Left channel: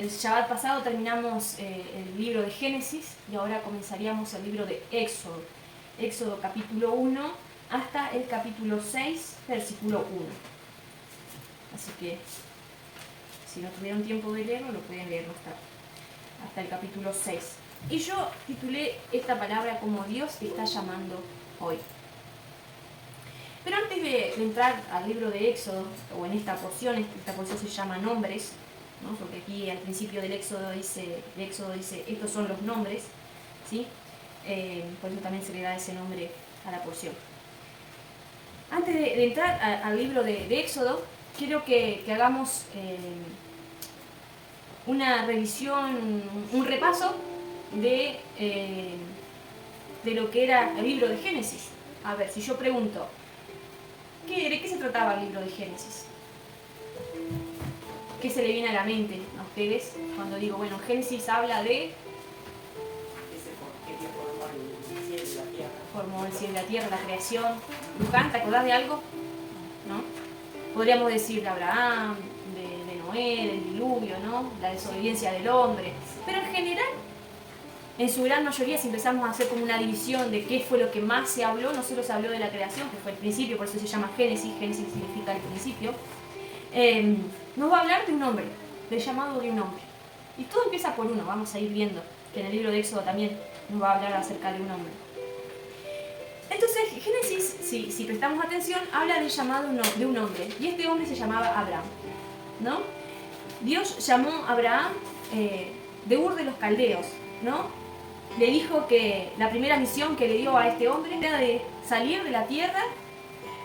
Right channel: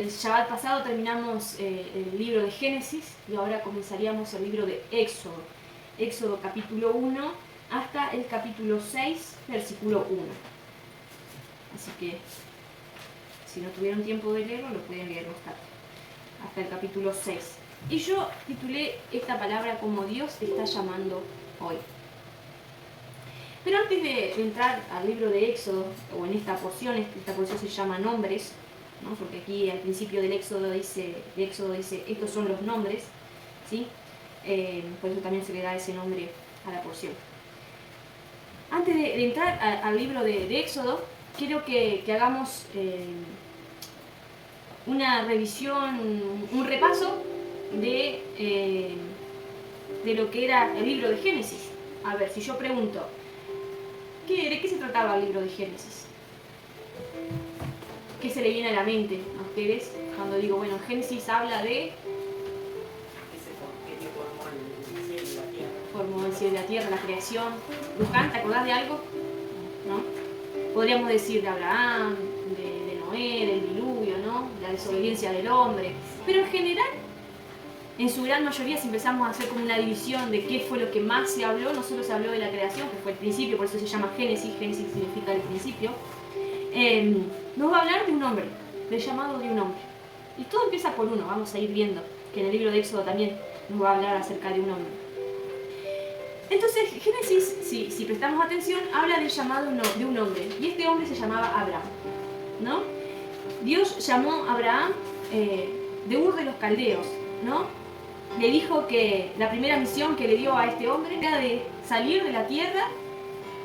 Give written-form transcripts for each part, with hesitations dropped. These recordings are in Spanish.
El Shabbat pasado terminamos el libro de Génesis y ahora comenzaríamos el libro de Éxodo. Éxodo capítulo 1 hasta el capítulo 6, versículo 1. Así que si no tuvieron tiempo de leerlo, lo pueden leer hasta el capítulo 6. Y yo titulé esta palabra como Dios te está llamando hoy. Pero antes de entrar al libro de Éxodo, o en esta porción se llama nombres, ¿no? Porque aquí al principio del Éxodo dice, estos son los nombres, ¿sí? Por eso también se le da ese nombre a la porción. Antes de entrar al libro de Éxodo, quiero que hagamos una revisión, un repaso de lo que era el libro de Génesis. A ver, si yo pregunto, ¿de qué se trataba el libro de Génesis? ¿Qué se le viene a la mente a ustedes cuando digo, bueno, Génesis habla de... Formó el cielo y la tierra, la creación. Luján, ¿te acordás de algo? ¿No? Podríamos decir de Abraham, de Noé, del diluvio, ¿no? La desobediencia del hombre. Pero en general, en su gran mayoría, si empezamos a hacer como una división de qué fue lo que más se habló, no solo se habló de la creación, que fue el principio, por eso se llama Génesis. Génesis significa el principio. Nos va a hablar de un hombre, del llamado de un hombre. Y todo empieza por uno, vamos a ir viendo que en el libro de Éxodo también nos va a hablar acerca de un hombre. Entonces, Génesis, si prestamos atención, habla del llamado de un hombre. Y este hombre se llamaba Abraham, ¿no? Dios llamó a Abraham de Ur de los Caldeos, ¿no? Le dijo que la primera misión que le dio a este hombre era de salir de la tierra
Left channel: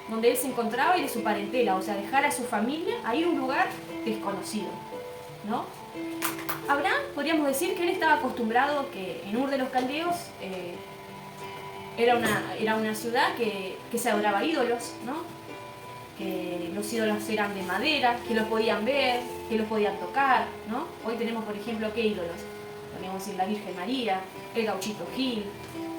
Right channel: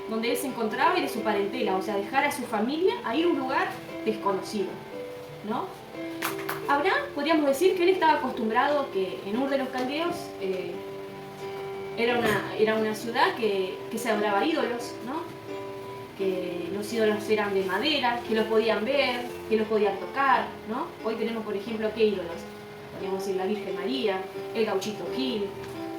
donde él se encontraba y de su parentela, o sea, dejar a su familia a ir a un lugar desconocido, ¿no? Abraham, podríamos decir que él estaba acostumbrado que en Ur de los Caldeos era una ciudad que se adoraba a ídolos, ¿no? Que los ídolos eran de madera, que los podían ver, que los podían tocar, ¿no? Hoy tenemos, por ejemplo, ¿qué ídolos? Podríamos decir la Virgen María, el Gauchito Gil,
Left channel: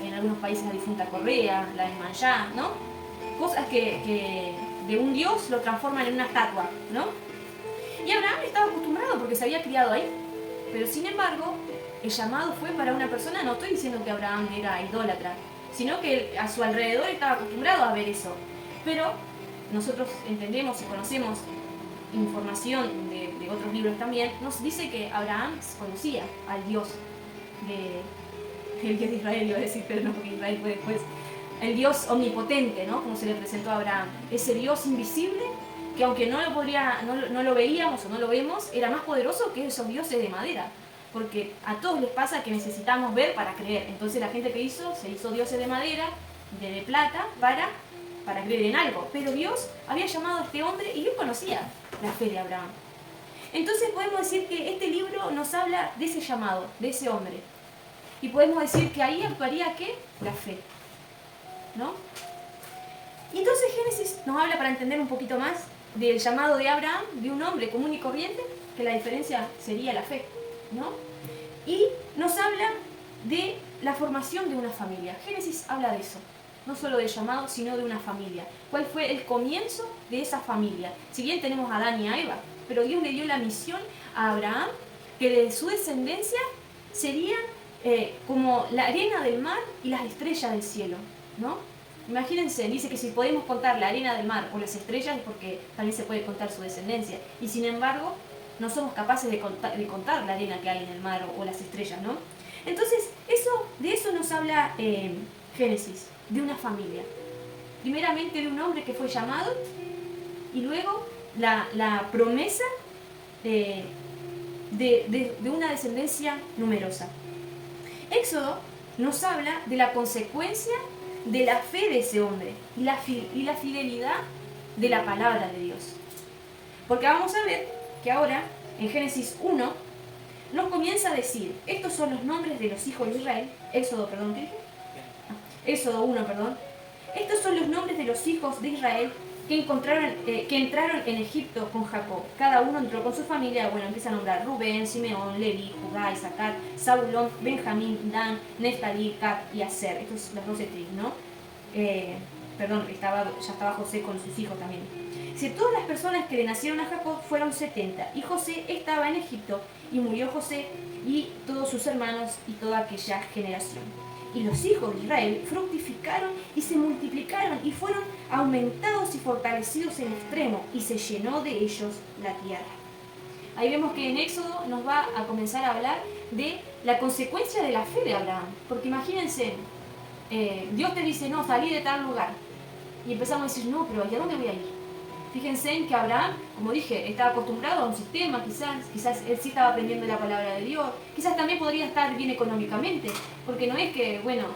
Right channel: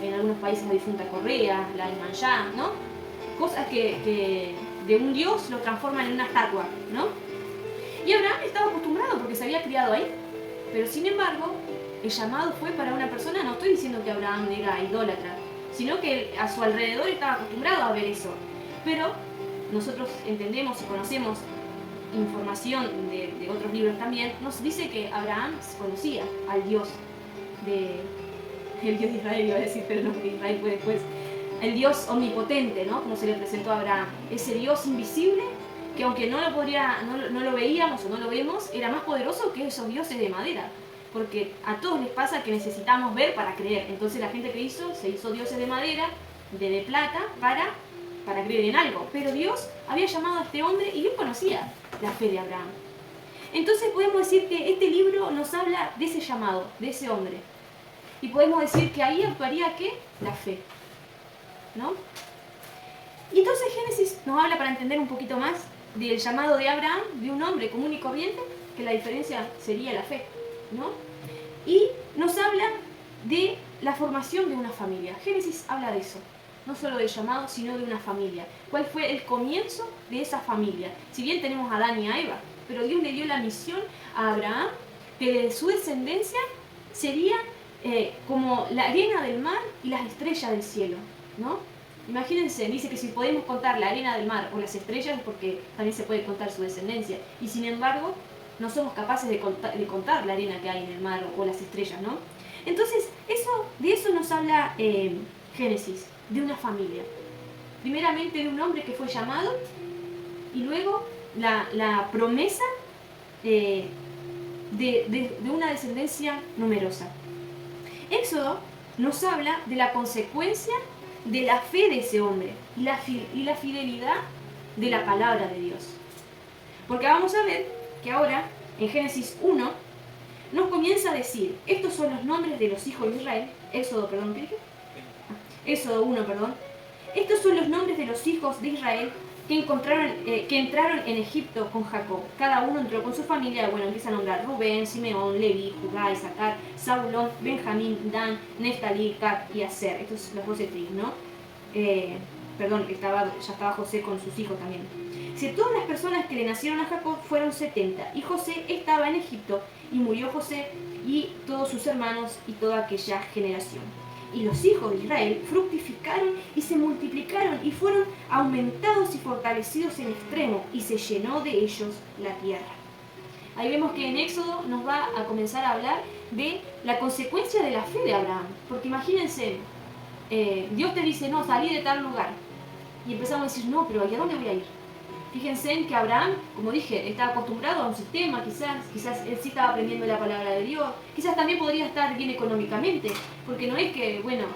en algunos países la difunta Correa, la Iemanjá, ¿no? Cosas que de un dios lo transforman en una estatua, ¿no? Y Abraham estaba acostumbrado porque se había criado ahí. Pero sin embargo, el llamado fue para una persona, no estoy diciendo que Abraham era idólatra, sino que a su alrededor estaba acostumbrado a ver eso. Pero nosotros entendemos y conocemos información de otros libros también, nos dice que Abraham conocía al Dios el Dios de Israel, iba a decir, pero no, porque Israel fue después. El Dios omnipotente, ¿no? Como se le presentó a Abraham. Ese Dios invisible que aunque no lo veíamos o no lo vemos, era más poderoso que esos dioses de madera. Porque a todos les pasa que necesitamos ver para creer. Entonces la gente que se hizo dioses de madera, de plata, para creer en algo. Pero Dios había llamado a este hombre y él conocía la fe de Abraham. Entonces podemos decir que este libro nos habla de ese llamado, de ese hombre. Y podemos decir que ahí actuaría ¿qué? La fe, ¿no? Y entonces Génesis nos habla, para entender un poquito más, del llamado de Abraham, de un hombre común y corriente, que la diferencia sería la fe, ¿no? Y nos habla de la formación de una familia. Génesis habla de eso, no solo del llamado, sino de una familia. ¿Cuál fue el comienzo de esa familia? Si bien tenemos a Adán y a Eva, pero Dios le dio la misión a Abraham, que de su descendencia serían como la arena del mar y las estrellas del cielo, ¿no? Imagínense, dice que si podemos contar la arena del mar o las estrellas es porque también se puede contar su descendencia. Y sin embargo, no somos capaces de contar la arena que hay en el mar o las estrellas, ¿no? Entonces, de eso nos habla Génesis, de una familia. Primeramente de un hombre que fue llamado y luego la promesa de una descendencia numerosa. Éxodo nos habla de la consecuencia de la fe de ese hombre y la fidelidad de la palabra de Dios. Porque vamos a ver que ahora, en Génesis 1, nos comienza a decir, estos son los nombres de los hijos de Israel. Éxodo 1, estos son los nombres de los hijos de Israel que entraron en Egipto con Jacob. Cada uno entró con su familia. Bueno, empieza a nombrar Rubén, Simeón, Leví, Judá, Isaacar, Zabulón, Benjamín, Dan, Neftalí, Gad y Aser. Estos son las 12 tribus, ¿no? Perdón, ya estaba José con sus hijos también. Dice, todas las personas que le nacieron a Jacob fueron 70, y José estaba en Egipto, y murió José y todos sus hermanos y toda aquella generación. Y los hijos de Israel fructificaron y se multiplicaron y fueron aumentados y fortalecidos en extremo, y se llenó de ellos la tierra. Ahí vemos que en Éxodo nos va a comenzar a hablar de la consecuencia de la fe de Abraham. Porque imagínense, Dios te dice, no, salí de tal lugar. Y empezamos a decir, no, pero ¿a dónde voy a ir? Fíjense en que Abraham, como dije, estaba acostumbrado a un sistema, quizás él sí estaba aprendiendo la palabra de Dios, quizás también podría estar bien económicamente, porque no es que, bueno,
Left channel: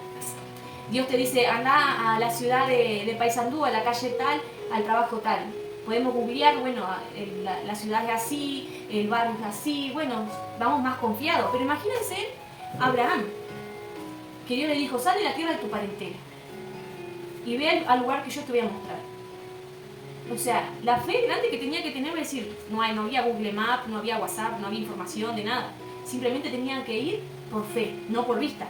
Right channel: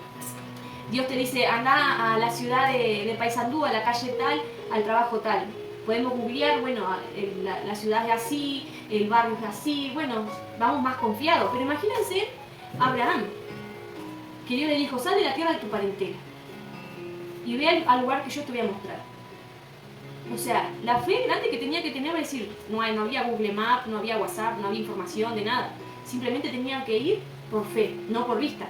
Dios te dice, anda a la ciudad de Paysandú, a la calle tal, al trabajo tal. Podemos googlear, bueno, la ciudad es así, el barrio es así, bueno, vamos más confiados. Pero imagínense Abraham, que Dios le dijo, sal de la tierra de tu parentela y ve al lugar que yo te voy a mostrar. O sea, la fe grande que tenía que tener, es decir, no había Google Maps, no había WhatsApp, no había información de nada. Simplemente tenían que ir por fe, no por vista.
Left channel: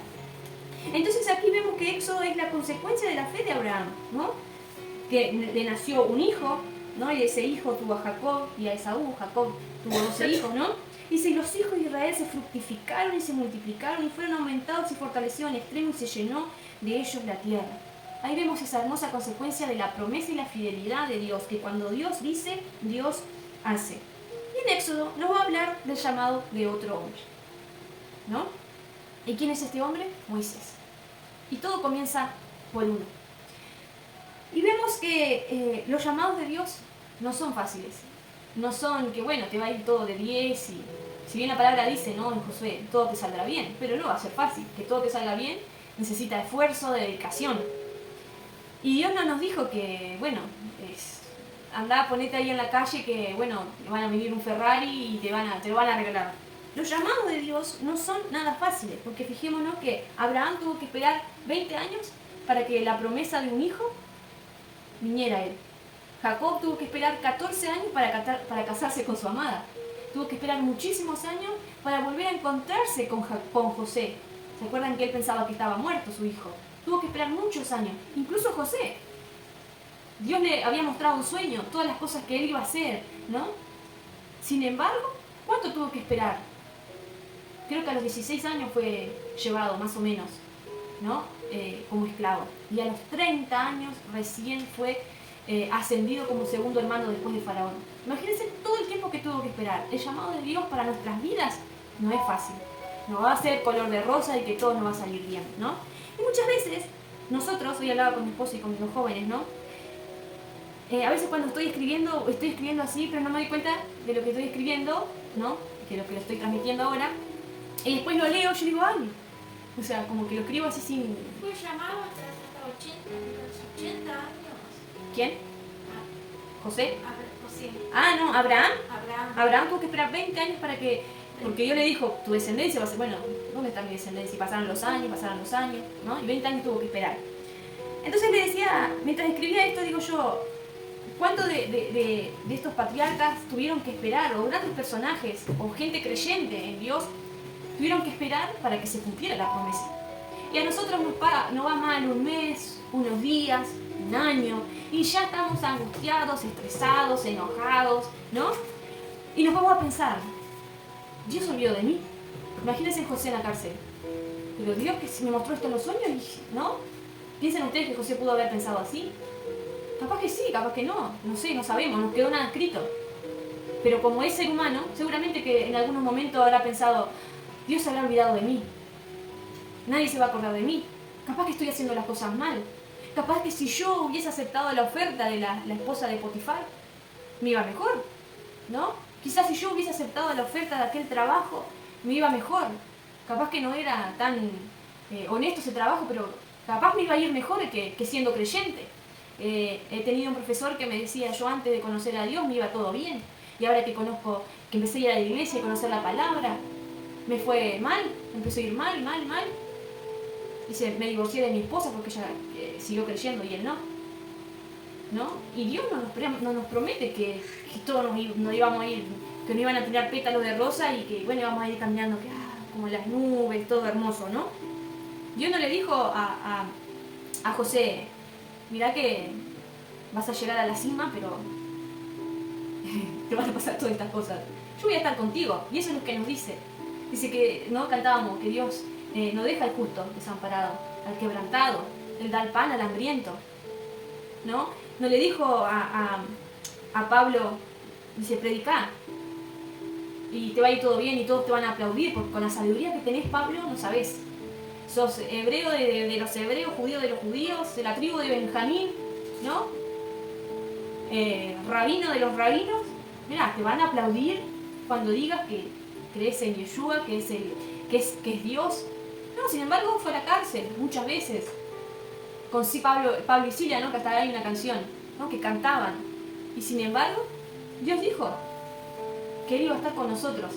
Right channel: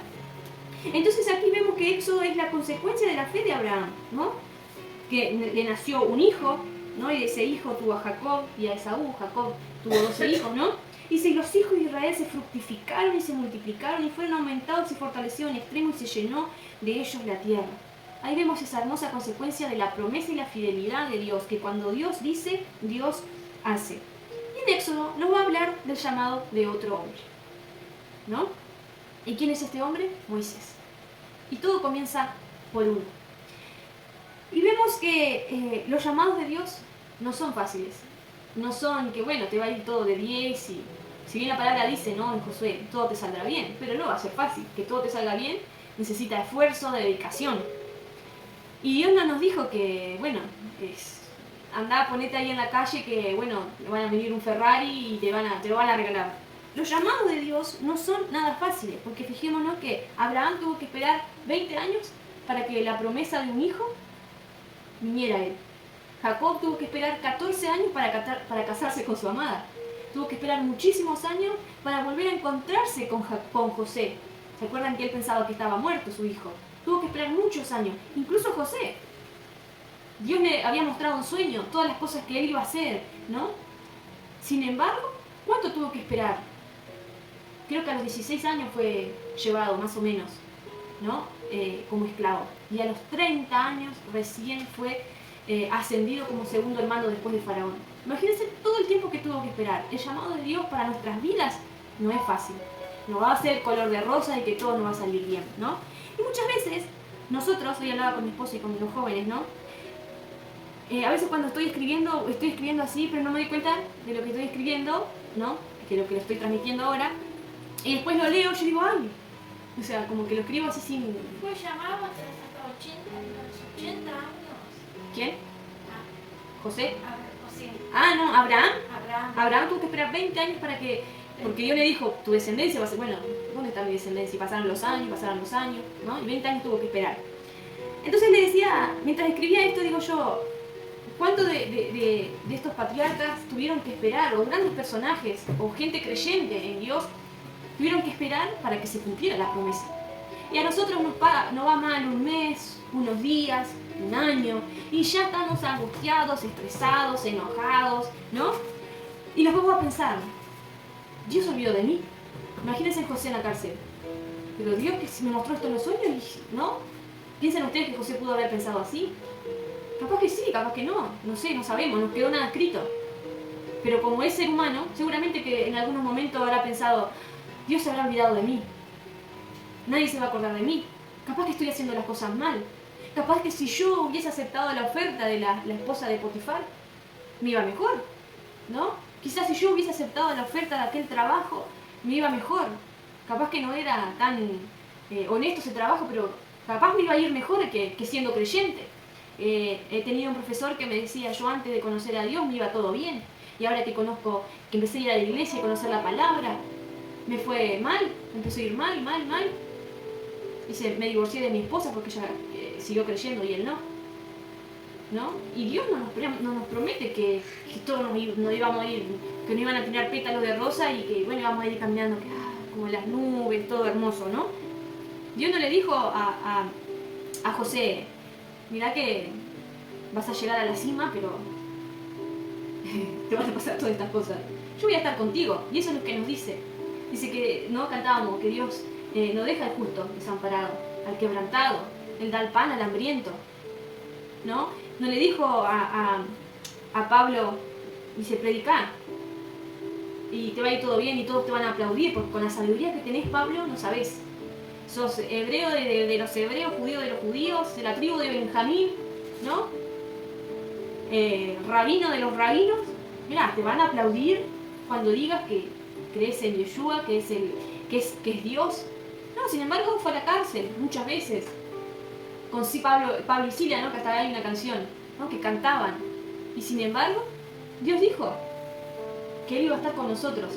Entonces aquí vemos que Éxodo es la consecuencia de la fe de Abraham, ¿no? Que le nació un hijo, ¿no? Y de ese hijo tuvo a Jacob y a Esaú. Jacob tuvo 12 hijos, ¿no? Dice, y los hijos de Israel se fructificaron y se multiplicaron y fueron aumentados y fortalecidos en extremo y se llenó de ellos la tierra. Ahí vemos esa hermosa consecuencia de la promesa y la fidelidad de Dios, que cuando Dios dice, Dios hace. Y en Éxodo nos va a hablar del llamado de otro hombre, ¿no? ¿Y quién es este hombre? Moisés. Y todo comienza por uno. Y vemos que los llamados de Dios no son fáciles. No son que, bueno, te va a ir todo de 10 y si bien la palabra dice, ¿no? En Josué, todo te saldrá bien, pero no va a ser fácil. Que todo te salga bien necesita esfuerzo, dedicación. Y Dios no nos dijo que, bueno, andá, ponete ahí en la calle que, bueno, van a venir un Ferrari y te lo van a regalar. Los llamados de Dios no son nada fáciles, porque fijémonos que Abraham tuvo que esperar 20 años para que la promesa de un hijo viniera a él. Jacob tuvo que esperar 14 años para casarse con su amada. Tuvo que esperar muchísimos años para volver a encontrarse con José. ¿Se acuerdan que él pensaba que estaba muerto su hijo? Tuvo que esperar muchos años, incluso José. Dios le había mostrado un sueño, todas las cosas que él iba a hacer, ¿no? Sin embargo, ¿cuánto tuvo que esperar? Creo que a los 16 años fue llevado, más o menos, ¿no? Como esclavo. Y a los 30 años recién fue ascendido como segundo hermano después de Faraón. Imagínense todo el tiempo que tuvo que esperar. El llamado de Dios para nuestras vidas no es fácil. No va a ser color de rosa y que todo nos va a salir bien, ¿no? Y muchas veces, nosotros, hoy hablaba con mi esposo y con los jóvenes, ¿no? A veces cuando estoy escribiendo así, pero no me doy cuenta de lo que estoy escribiendo, ¿no? De lo que lo estoy transmitiendo ahora. Y después lo leo, yo digo, ay. O sea, como que lo escribo así sin... Fue llamado hasta 80 años. ¿Quién? José. Ah, no, Abraham. Abraham. Abraham tuvo que esperar 20 años para que... Porque Dios le dijo, tu descendencia va a ser... Bueno, ¿dónde está mi descendencia? Y pasaron los años, ¿no? Y 20 años tuvo que esperar. Entonces le decía, mientras escribía esto, digo yo, ¿cuántos de estos patriarcas tuvieron que esperar? O grandes personajes, o gente creyente en Dios, tuvieron que esperar para que se cumpliera la promesa. Y a nosotros nos va mal un mes, unos días, un año, y ya estamos angustiados, estresados, enojados, ¿no? Y nos vamos a pensar, Dios se olvidó de mí. Imagínense José en la cárcel. Pero Dios que me mostró esto en los sueños, ¿no? ¿Piensan ustedes que José pudo haber pensado así? Capaz que sí, capaz que no. No sé, no sabemos, no quedó nada escrito. Pero como es ser humano, seguramente que en algunos momentos habrá pensado, Dios se habrá olvidado de mí. Nadie se va a acordar de mí. Capaz que estoy haciendo las cosas mal. Capaz que si yo hubiese aceptado la oferta de la esposa de Potifar, me iba mejor, ¿no? Quizás si yo hubiese aceptado la oferta de aquel trabajo, me iba mejor. Capaz que no era tan honesto ese trabajo, pero capaz me iba a ir mejor que siendo creyente. He tenido un profesor que me decía, yo antes de conocer a Dios me iba todo bien. Y ahora que conozco, que empecé a ir a la iglesia y conocer la palabra, me fue mal, me empezó a ir mal. Dice, me divorcié de mi esposa porque ella siguió creyendo y él no. ¿No? Y Dios no nos promete que todos nos íbamos a ir, que no iban a tirar pétalos de rosa y que, bueno, íbamos a ir caminando como en las nubes, todo hermoso, ¿no? Dios no le dijo a José, mirá que vas a llegar a la cima, pero te van a pasar todas estas cosas. Yo voy a estar contigo. Y eso es lo que nos dice. Dice que, no cantábamos, que Dios no deja al justo desamparado, al quebrantado. Él da el pan al hambriento. ¿No? No le dijo a Pablo, dice, predicá. Y te va a ir todo bien y todos te van a aplaudir, porque con la sabiduría que tenés, Pablo, no sabés. Sos hebreo de los hebreos, judío de los judíos, de la tribu de Benjamín, ¿no? Rabino de los rabinos. Mirá, te van a aplaudir cuando digas que crees en Yeshua, que es Dios. No, sin embargo, fue a la cárcel muchas veces. Con sí, Pablo y Silas, ¿no? Que hasta hay una canción, ¿no? Que cantaban. Y sin embargo, Dios dijo que Él iba a estar con nosotros.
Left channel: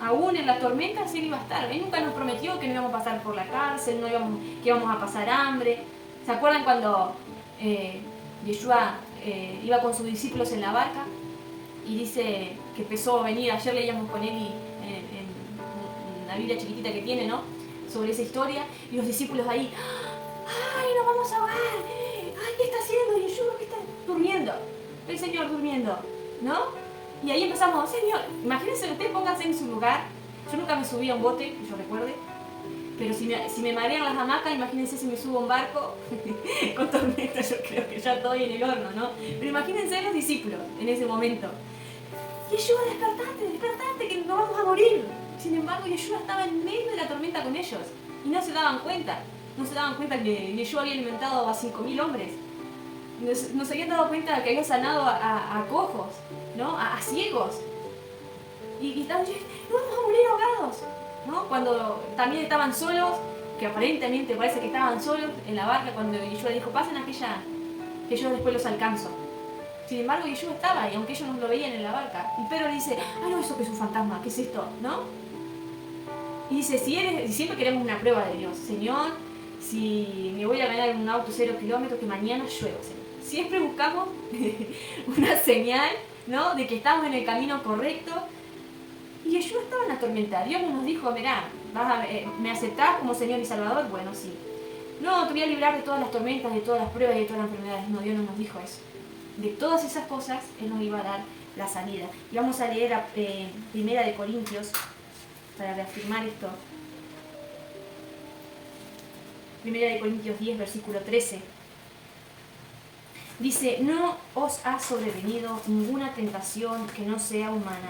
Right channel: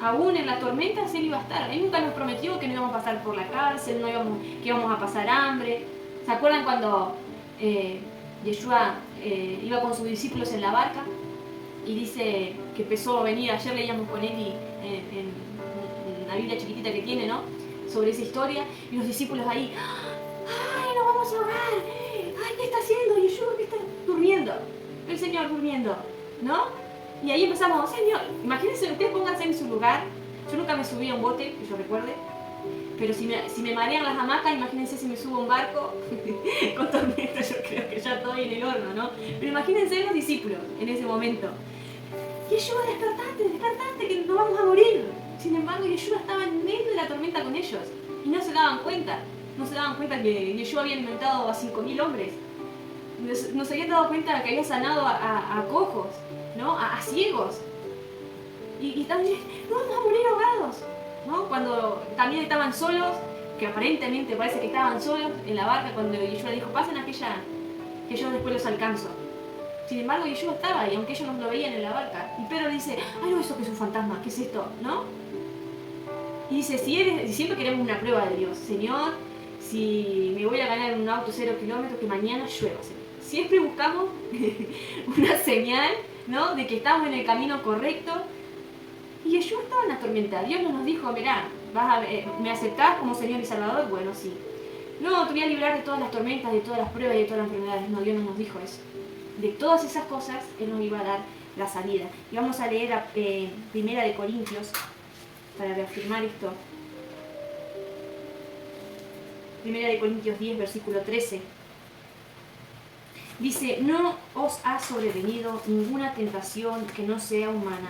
Aún en las tormentas Él iba a estar. Él nunca nos prometió que no íbamos a pasar por la cárcel, que íbamos a pasar hambre. ¿Se acuerdan cuando Yeshua iba con sus discípulos en la barca? Y dice que empezó a venir, ayer leíamos con Eli en la Biblia chiquitita que tiene, ¿no? Sobre esa historia. Y los discípulos ahí, ¡ay, nos vamos a ahogar! ¡Ay, qué está haciendo Yeshua! ¿Qué está durmiendo? El Señor durmiendo, ¿no? Y ahí empezamos, Señor, imagínense, ustedes pónganse en su lugar. Yo nunca me subí a un bote, que yo recuerde, pero si me marean las hamacas, imagínense si me subo a un barco con tormenta, yo creo que ya estoy en el horno, ¿no? Pero imagínense los discípulos en ese momento. Yeshua, despertate, que nos vamos a morir. Sin embargo, Yeshua estaba en medio de la tormenta con ellos y no se daban cuenta. No se daban cuenta que Yeshua había alimentado a 5.000 hombres. No se habían dado cuenta que había sanado a cojos, ¿no? A ciegos. Y estaban diciendo, no vamos a morir ahogados, ¿no? Cuando también estaban solos, que aparentemente parece que estaban solos en la barca, cuando Yeshua dijo, pasen aquella, que yo después los alcanzo. Sin embargo, Yeshua estaba ahí, aunque ellos no lo veían en la barca. Y Pedro dice, ay no, eso que es un fantasma, ¿qué es esto? ¿No? Y dice, siempre queremos una prueba de Dios. Señor, si me voy a ganar en un auto 0 kilómetros, que mañana llueva, Señor. Siempre buscamos una señal, ¿no? De que estamos en el camino correcto. Y Yeshua estaba en la tormenta. Dios no nos dijo, mirá, ¿me aceptás como Señor y Salvador? Bueno, sí. No, te voy a librar de todas las tormentas, de todas las pruebas y de todas las enfermedades. No, Dios no nos dijo eso. De todas esas cosas, Él nos iba a dar la salida. Y vamos a leer Primera de Corintios para reafirmar esto. Primera de Corintios 10, versículo 13. Dice, no os ha sobrevenido ninguna tentación que no sea humana,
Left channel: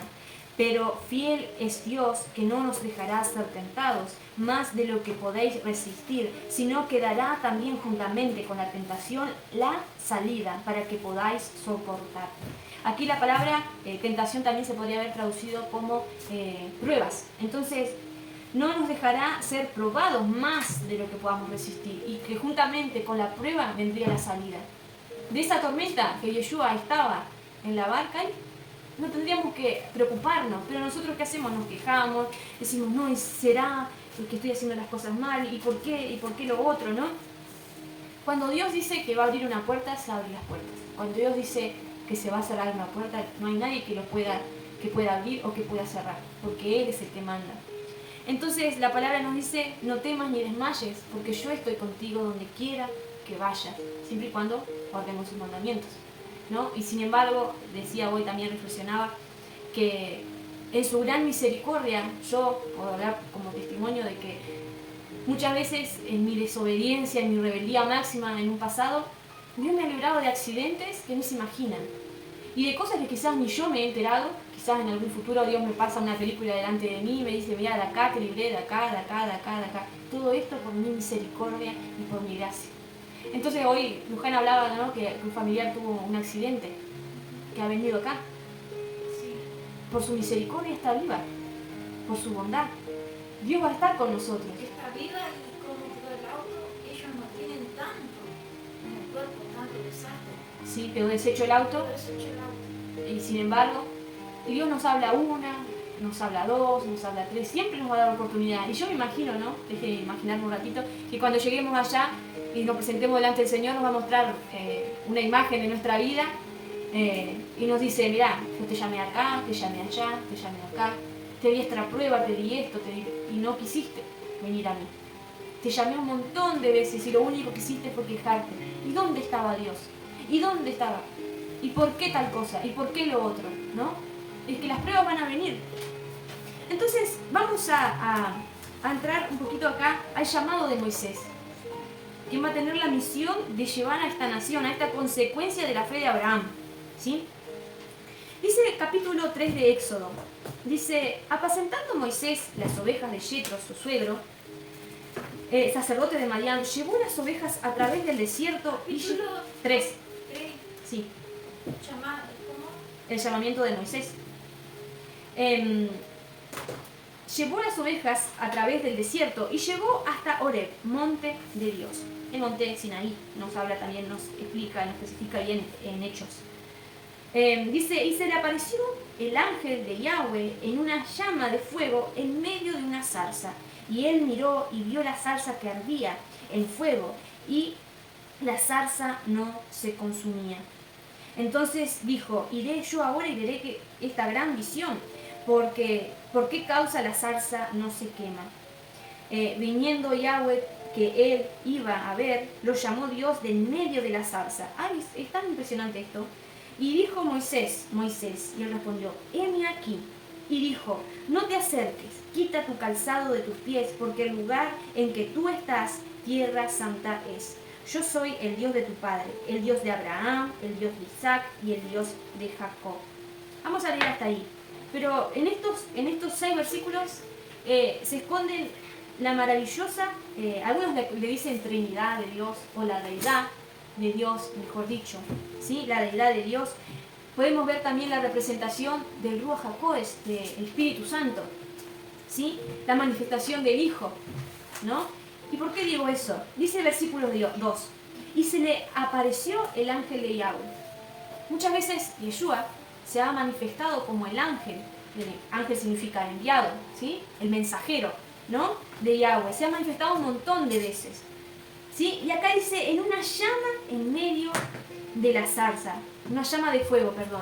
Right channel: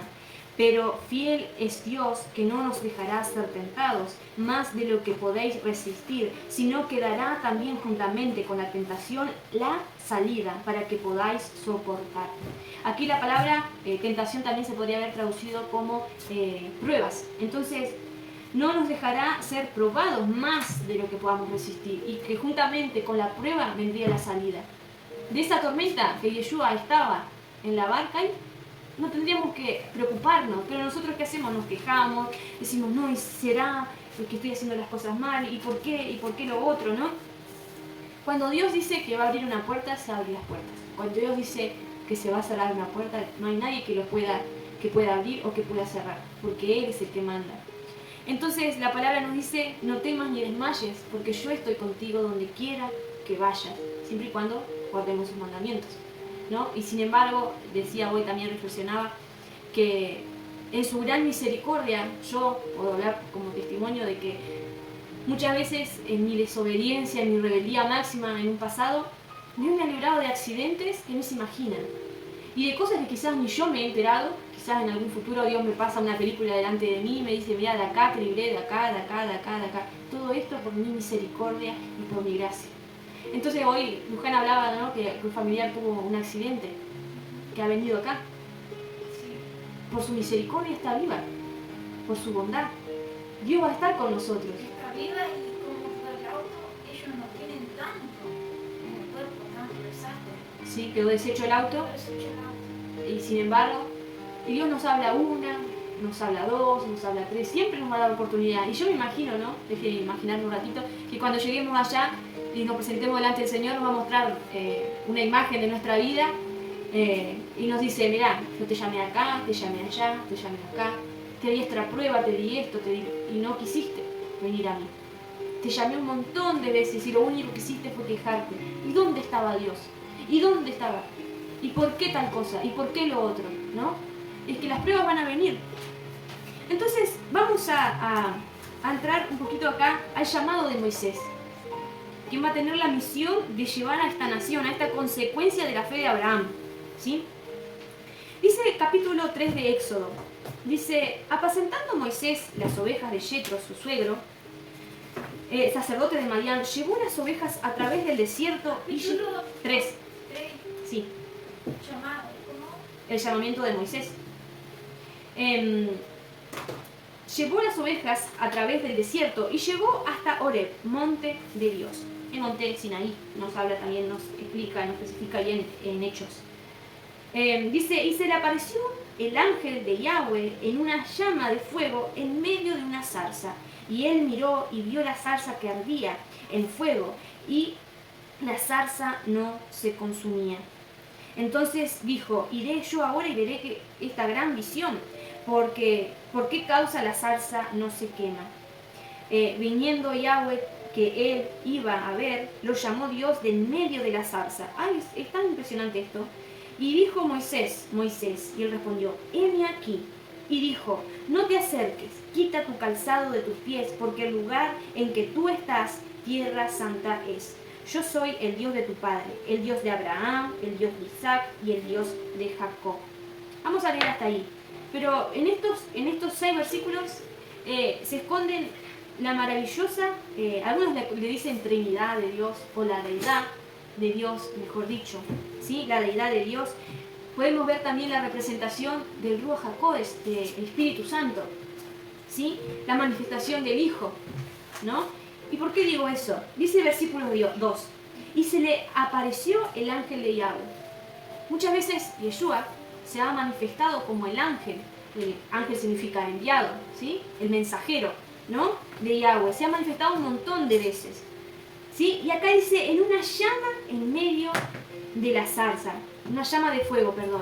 pero fiel es Dios, que no nos dejará ser tentados más de lo que podéis resistir, sino que dará también juntamente con la tentación la salida para que podáis soportar. Aquí la palabra tentación también se podría haber traducido como pruebas. Entonces, no nos dejará ser probados más de lo que podamos resistir, y que juntamente con la prueba vendría la salida. De esa tormenta que Yeshua estaba en la barca, no tendríamos que preocuparnos, pero nosotros ¿qué hacemos? Nos quejamos, decimos, no, ¿será que estoy haciendo las cosas mal? ¿Y por qué? ¿Y por qué lo otro? ¿No? Cuando Dios dice que va a abrir una puerta, se abren las puertas. Cuando Dios dice que se va a cerrar una puerta, no hay nadie que pueda abrir o que pueda cerrar, porque Él es el que manda. Entonces la palabra nos dice, no temas ni desmayes, porque yo estoy contigo donde quiera que vayas, siempre y cuando guardemos sus mandamientos, ¿no? Y sin embargo, decía hoy, también reflexionaba, que en su gran misericordia, yo puedo hablar como testimonio de que muchas veces en mi desobediencia, en mi rebeldía máxima en un pasado, Dios me ha librado de accidentes que no se imaginan. Y de cosas que quizás ni yo me he enterado, quizás en algún futuro Dios me pasa una película delante de mí y me dice, mira, de acá te libré, de acá, de acá, de acá, de acá. Todo esto por mi misericordia y por mi gracia. Entonces hoy Luján hablaba, ¿no? que un familiar tuvo un accidente, que ha venido acá. Por su misericordia está viva, por su bondad. Dios va a estar con nosotros. Está viva y como quedó el auto, ellos no tienen tanto en el cuerpo, tanto desastre. Sí, quedó deshecho el auto. Y sin embargo, y Dios nos habla una, nos habla dos, nos habla tres, siempre nos va a dar oportunidad. Y yo me imagino, ¿no? Déjenme imaginarme un ratito, que cuando lleguemos allá y nos presentemos delante del Señor, nos va a mostrar una imagen de nuestra vida y nos dice, mirá, yo te llamé acá, te llamé allá, te llamé acá, te di esta prueba, te di esto, y no quisiste venir a mí. te llamé un montón de veces y lo único que hiciste fue quejarte. ¿Y dónde estaba Dios? ¿Y dónde estaba? ¿Y por qué tal cosa? ¿Y por qué lo otro? ¿No? Es que las pruebas van a venir. Entonces vamos a entrar un poquito acá al llamado de Moisés, quien va a tener la misión de llevar a esta nación, a esta consecuencia de la fe de Abraham. ¿Sí? Dice el capítulo 3 de Éxodo, dice, apacentando Moisés las ovejas de Yetro, su suegro, sacerdote de Madián, llevó las ovejas a través del desierto y... Capítulo 3, 3, sí, ¿cómo? el llamamiento de Moisés. Llevó las ovejas a través del desierto y llegó hasta Horeb, monte de Dios. El monte Sinaí nos habla también, nos explica, nos especifica bien en Hechos. Dice, y se le apareció el ángel de Yahweh en una llama de fuego en medio de una zarza. Y él miró y vio la zarza que ardía en fuego y la zarza no se consumía. Entonces dijo, iré yo ahora y veré que esta gran visión, porque ¿por qué causa la zarza no se quema? Viniendo Yahweh que él iba a ver, lo llamó Dios de en medio de la zarza. Ay, es tan impresionante esto. Y dijo Moisés, Moisés, y él respondió, heme aquí. Y dijo, no te acerques, quita tu calzado de tus pies, porque el lugar en que tú estás, tierra santa es. Yo soy el Dios de tu padre, el Dios de Abraham, el Dios de Isaac y el Dios de Jacob. Vamos a leer hasta ahí. Pero en estos 6 versículos se esconden la maravillosa, algunos le dicen Trinidad de Dios o la deidad de Dios, mejor dicho, ¿sí? La deidad de Dios. Podemos ver también la representación del Ruach HaKodesh, del Espíritu Santo, ¿sí? La manifestación del Hijo, ¿no? ¿Y por qué digo eso? Dice el versículo 2, y se le apareció el ángel de Yahweh. Muchas veces Yeshua se ha manifestado como el ángel. El ángel significa enviado, ¿sí? El mensajero, ¿no? De Yahweh. Se ha manifestado un montón de veces, ¿sí? Y acá dice, en una llama en medio de la zarza. Una llama de fuego, perdón.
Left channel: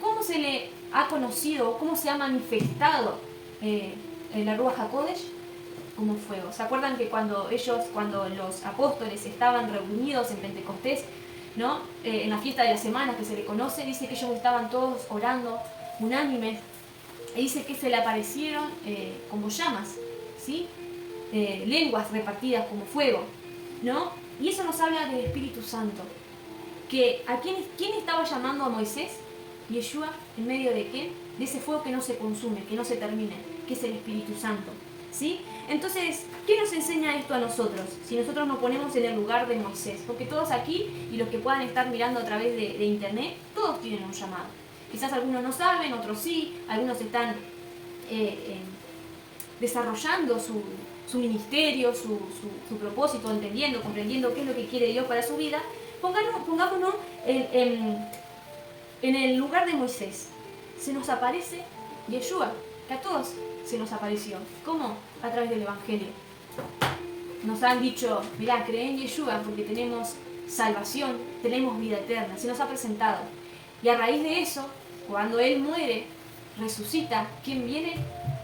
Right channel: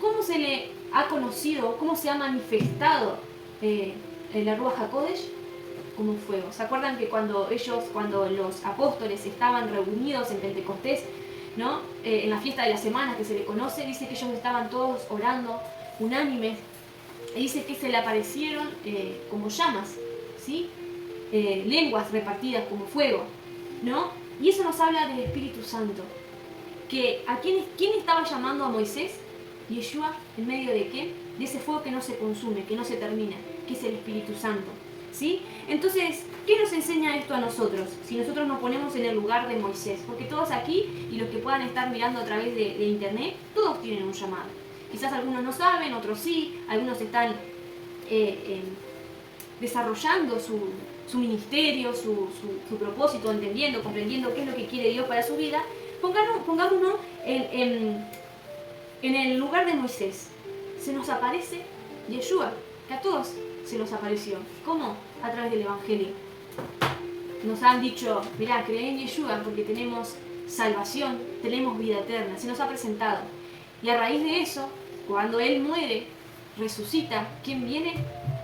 ¿Cómo se le ha conocido, cómo se ha manifestado la Ruach HaKodesh? Como fuego. ¿Se acuerdan que cuando los apóstoles estaban reunidos en Pentecostés, ¿no? En la fiesta de las semanas que se le conoce, dice que ellos estaban todos orando, unánimes, y dice que se le aparecieron como llamas, ¿sí? Lenguas repartidas como fuego, ¿no? Y eso nos habla del Espíritu Santo. Que ¿a quién estaba llamando a Moisés? Yeshua, ¿en medio de qué? De ese fuego que no se consume, que no se termina, que es el Espíritu Santo, ¿sí? Entonces, ¿qué nos enseña esto a nosotros? Si nosotros nos ponemos en el lugar de Moisés, porque todos aquí, y los que puedan estar mirando a través de internet, todos tienen un llamado. Quizás algunos no saben, otros sí, algunos están desarrollando su ministerio, su propósito, entendiendo, comprendiendo qué es lo que quiere Dios para su vida. Pongámonos en el lugar de Moisés. Se nos aparece Yeshua, que a todos se nos apareció. ¿Cómo? A través del Evangelio. Nos han dicho, mirá, creen en Yeshua porque tenemos salvación, tenemos vida eterna. Se nos ha presentado. Y a raíz de eso, cuando Él muere, resucita, ¿quién viene?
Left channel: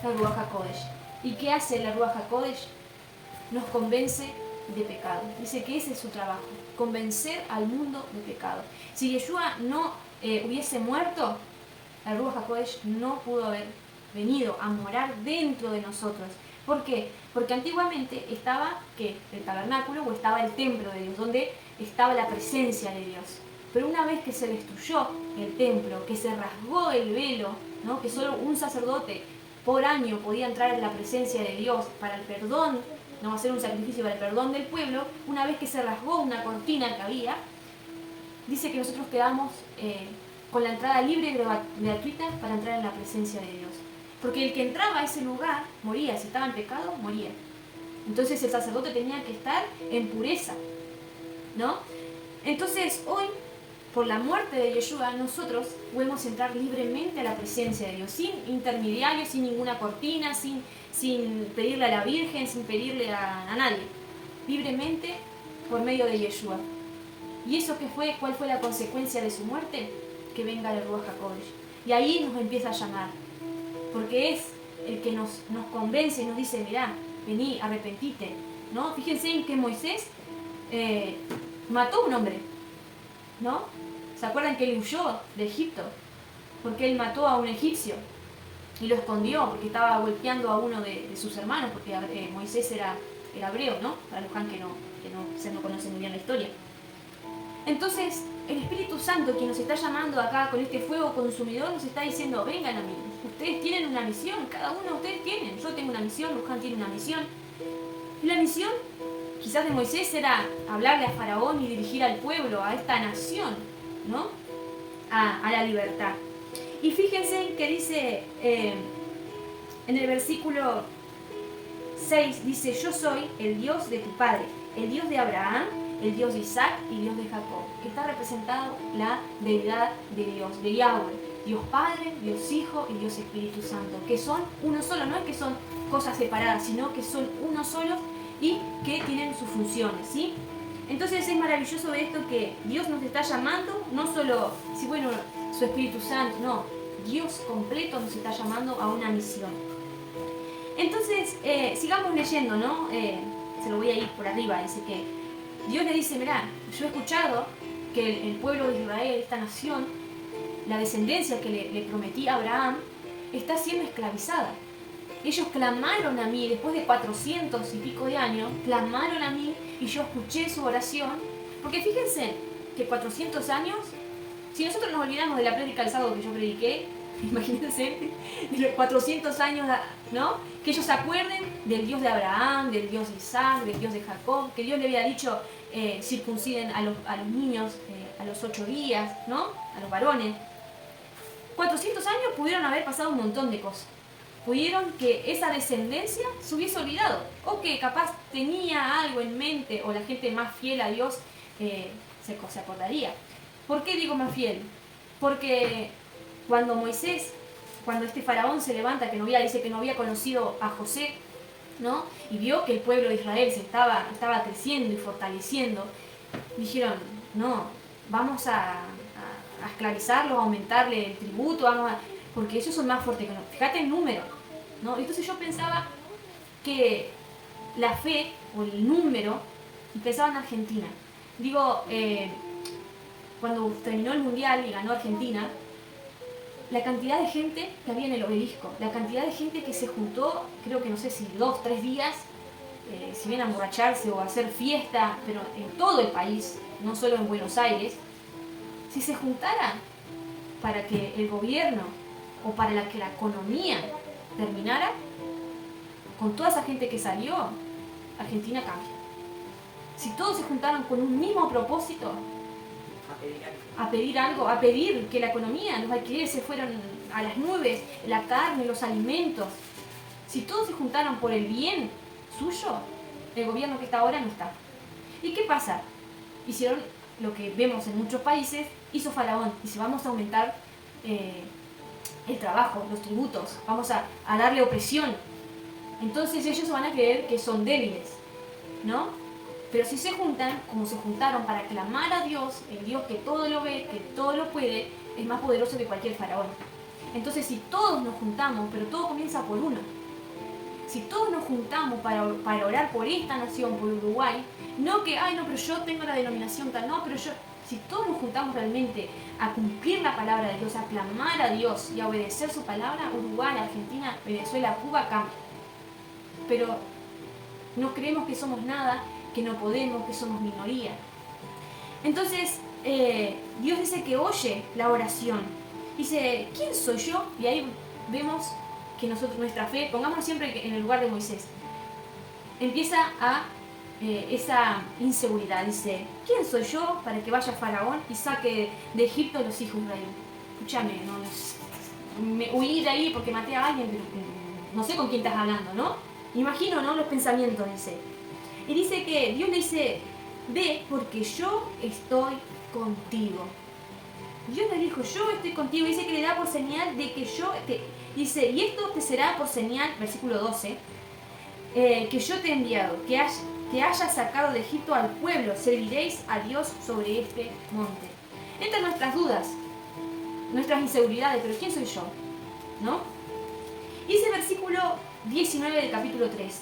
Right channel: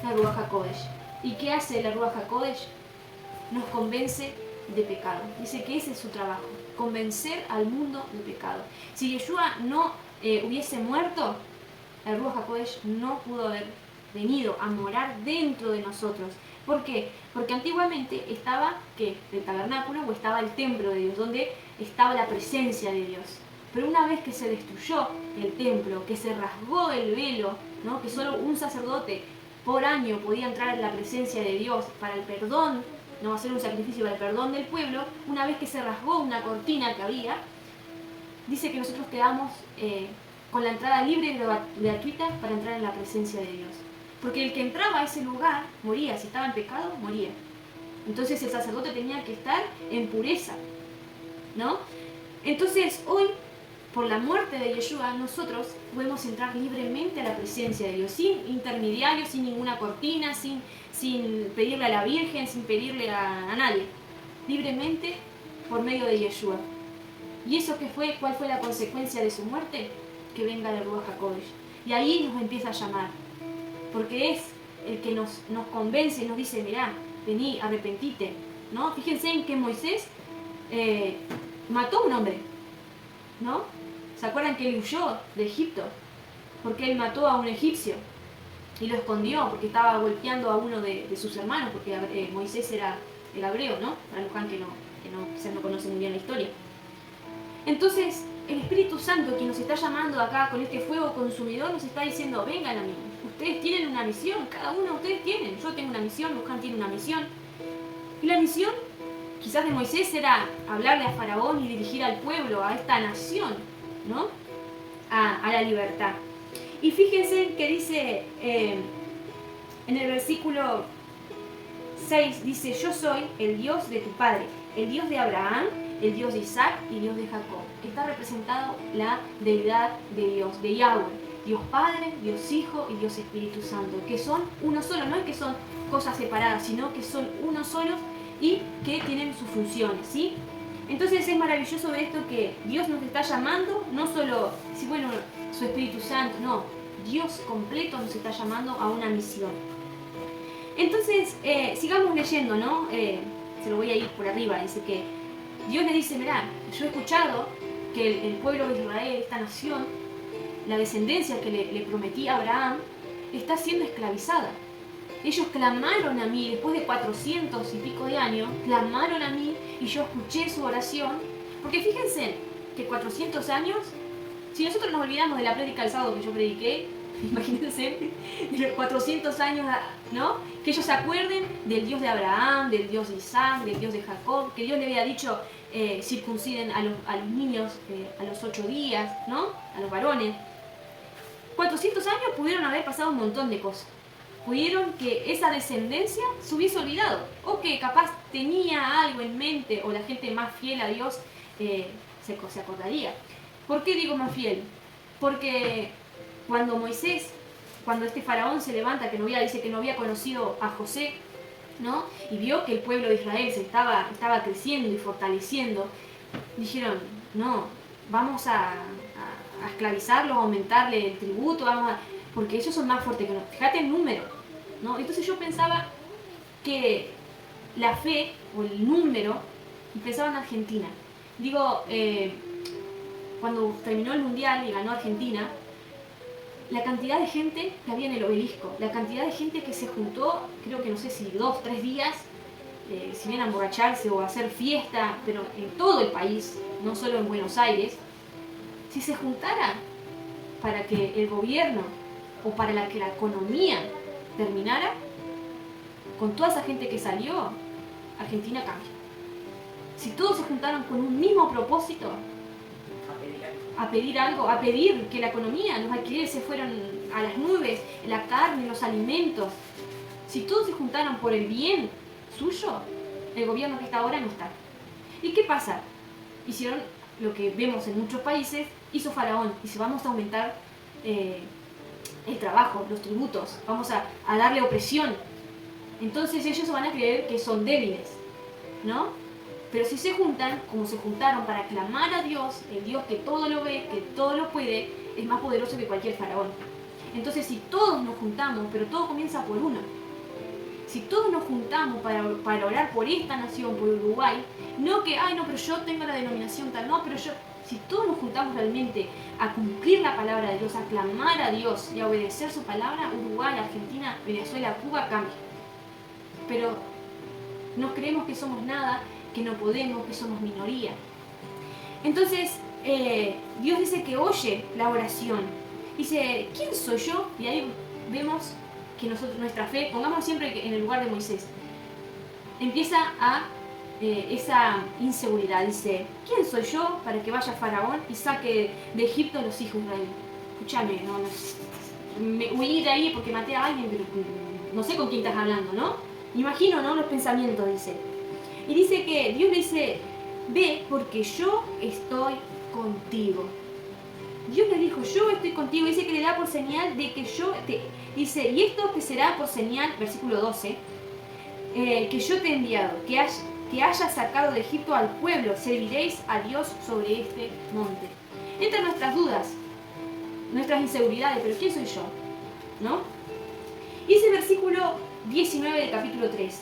La Ruach HaKodesh. ¿Y qué hace la Ruach HaKodesh? Nos convence de pecado. Dice que ese es su trabajo, convencer al mundo de pecado. Si Yeshua no hubiese muerto, la Ruach HaKodesh no pudo haber venido a morar dentro de nosotros. ¿Por qué? Porque antiguamente estaba el tabernáculo o estaba el templo de Dios, donde estaba la presencia de Dios. Pero una vez que se destruyó el templo, que se rasgó el velo, ¿no? Que solo un sacerdote por año podía entrar en la presencia de Dios para el perdón, no hacer un sacrificio para el perdón del pueblo, una vez que se rasgó una cortina que había, dice que nosotros quedamos con la entrada libre y gratuita para entrar en la presencia de Dios. Porque el que entraba a ese lugar moría, si estaba en pecado, moría. Entonces el sacerdote tenía que estar en pureza, ¿no? Entonces hoy, por la muerte de Yeshua, nosotros podemos entrar libremente a la presencia de Dios, sin intermediarios, sin ninguna cortina, sin pedirle a la Virgen, sin pedirle a nadie, libremente por medio de Yeshua. ¿Y eso qué fue? ¿Cuál fue la consecuencia de su muerte? Que venga el Ruach HaKodesh. Y ahí nos empieza a llamar, porque es el que nos convence y nos dice, mirá, vení, arrepentite, ¿no? Fíjense en que Moisés mató a un hombre, ¿no? ¿Se acuerdan que él huyó de Egipto? Porque él mató a un egipcio y lo escondió porque estaba golpeando a uno de sus hermanos, porque Moisés era hebreo, ¿no? Para los que quizás no conocen muy bien la historia. Entonces, el Espíritu Santo, quien nos está llamando acá con este fuego consumidor, nos está diciendo, vengan a mí, ustedes tienen una misión, cada uno de ustedes tienen, yo tengo una misión, Luján tiene una misión. Y la misión, quizás de Moisés, era hablarle a Faraón y dirigir al pueblo, a esta nación, ¿no? A la libertad. Y fíjense que dice en el versículo 6, dice, yo soy el Dios de tu padre, el Dios de Abraham, el Dios de Isaac y Dios de Jacob, que está representado la deidad de Dios, de Yahweh, Dios Padre, Dios Hijo y Dios Espíritu Santo, que son uno solo, no es que son cosas separadas, sino que son uno solo y que tienen sus funciones, ¿sí? Entonces es maravilloso esto que Dios nos está llamando, no solo, si bueno, su Espíritu Santo, no, Dios completo nos está llamando a una misión. Entonces, sigamos leyendo, ¿no? Se lo voy a ir por arriba, dice que Dios le dice, mirá, yo he escuchado que el pueblo de Israel, esta nación, la descendencia que le prometí a Abraham, está siendo esclavizada. Ellos clamaron a mí, después de 400 y pico de años, clamaron a mí y yo escuché su oración. Porque fíjense que 400 años, si nosotros nos olvidamos de la prédica del sábado que yo prediqué, imagínense, de los 400 años, ¿no? Que ellos se acuerden del Dios de Abraham, del Dios de Isaac, del Dios de Jacob, que Dios le había dicho circunciden a los niños a los 8 días, ¿no? A los varones. 400 años pudieron haber pasado un montón de cosas. Pudieron que esa descendencia se hubiese olvidado, o que capaz tenía algo en mente, o la gente más fiel a Dios se acordaría. ¿Por qué digo más fiel? Porque cuando este faraón se levanta, dice que no había conocido a José, ¿no? Y vio que el pueblo de Israel se estaba creciendo y fortaleciendo, dijeron, no, vamos a esclavizarlo, a aumentarle el tributo, porque ellos son más fuertes que nosotros. Fíjate el número, ¿no? Entonces yo pensaba que la fe o el número, pensaba en Argentina. Digo, cuando terminó el Mundial y ganó Argentina, la cantidad de gente que había en el obelisco, la cantidad de gente que se juntó, creo que no sé si 2, 3 días, si bien a emborracharse o a hacer fiesta, pero en todo el país, no solo en Buenos Aires, si se juntara para que el gobierno o para que la economía terminara, con toda esa gente que salió, Argentina cambia. Si todos se juntaron con un mismo propósito, a pedir algo, a pedir que la economía, los alquileres se fueran a las nubes, la carne, los alimentos, si todos se juntaron por el bien suyo, el gobierno que está ahora no está. ¿Y qué pasa? Hicieron lo que vemos en muchos países, hizo Faraón, dice vamos a aumentar el trabajo, los tributos, vamos a darle opresión. Entonces ellos van a creer que son débiles, ¿no? Pero si se juntan, como se juntaron para clamar a Dios, el Dios que todo lo ve, que todo lo puede, es más poderoso que cualquier faraón. Entonces si todos nos juntamos, pero todo comienza por uno, si todos nos juntamos para orar por esta nación, por Uruguay, no que, ay no, pero yo tengo la denominación tal, no, pero yo, si todos nos juntamos realmente a cumplir la palabra de Dios, a clamar a Dios y a obedecer su palabra, Uruguay, Argentina, Venezuela, Cuba cambia. Pero no creemos que somos nada, que no podemos, que somos minoría. Entonces, Dios dice que oye la oración. Dice, ¿quién soy yo? Y ahí vemos que nuestra fe, pongamos siempre en el lugar de Moisés, empieza a esa inseguridad. Dice, ¿quién soy yo para que vaya Faraón y saque de Egipto a los hijos de Israel? Escúchame, me huí de ahí porque maté a alguien, pero no sé con quién estás hablando, ¿no? Imagino, ¿no? Los pensamientos, dice. Y dice que Dios le dice, ve porque yo estoy contigo. Dios le dijo, yo estoy contigo. Dice que le da por señal de que dice, y esto te será por señal, versículo 12, que yo te he enviado, que hayas sacado de Egipto al pueblo, serviréis a Dios sobre este monte. Entran nuestras dudas, nuestras inseguridades, pero ¿quién soy yo? ¿No? Y ese versículo 19 del capítulo 3.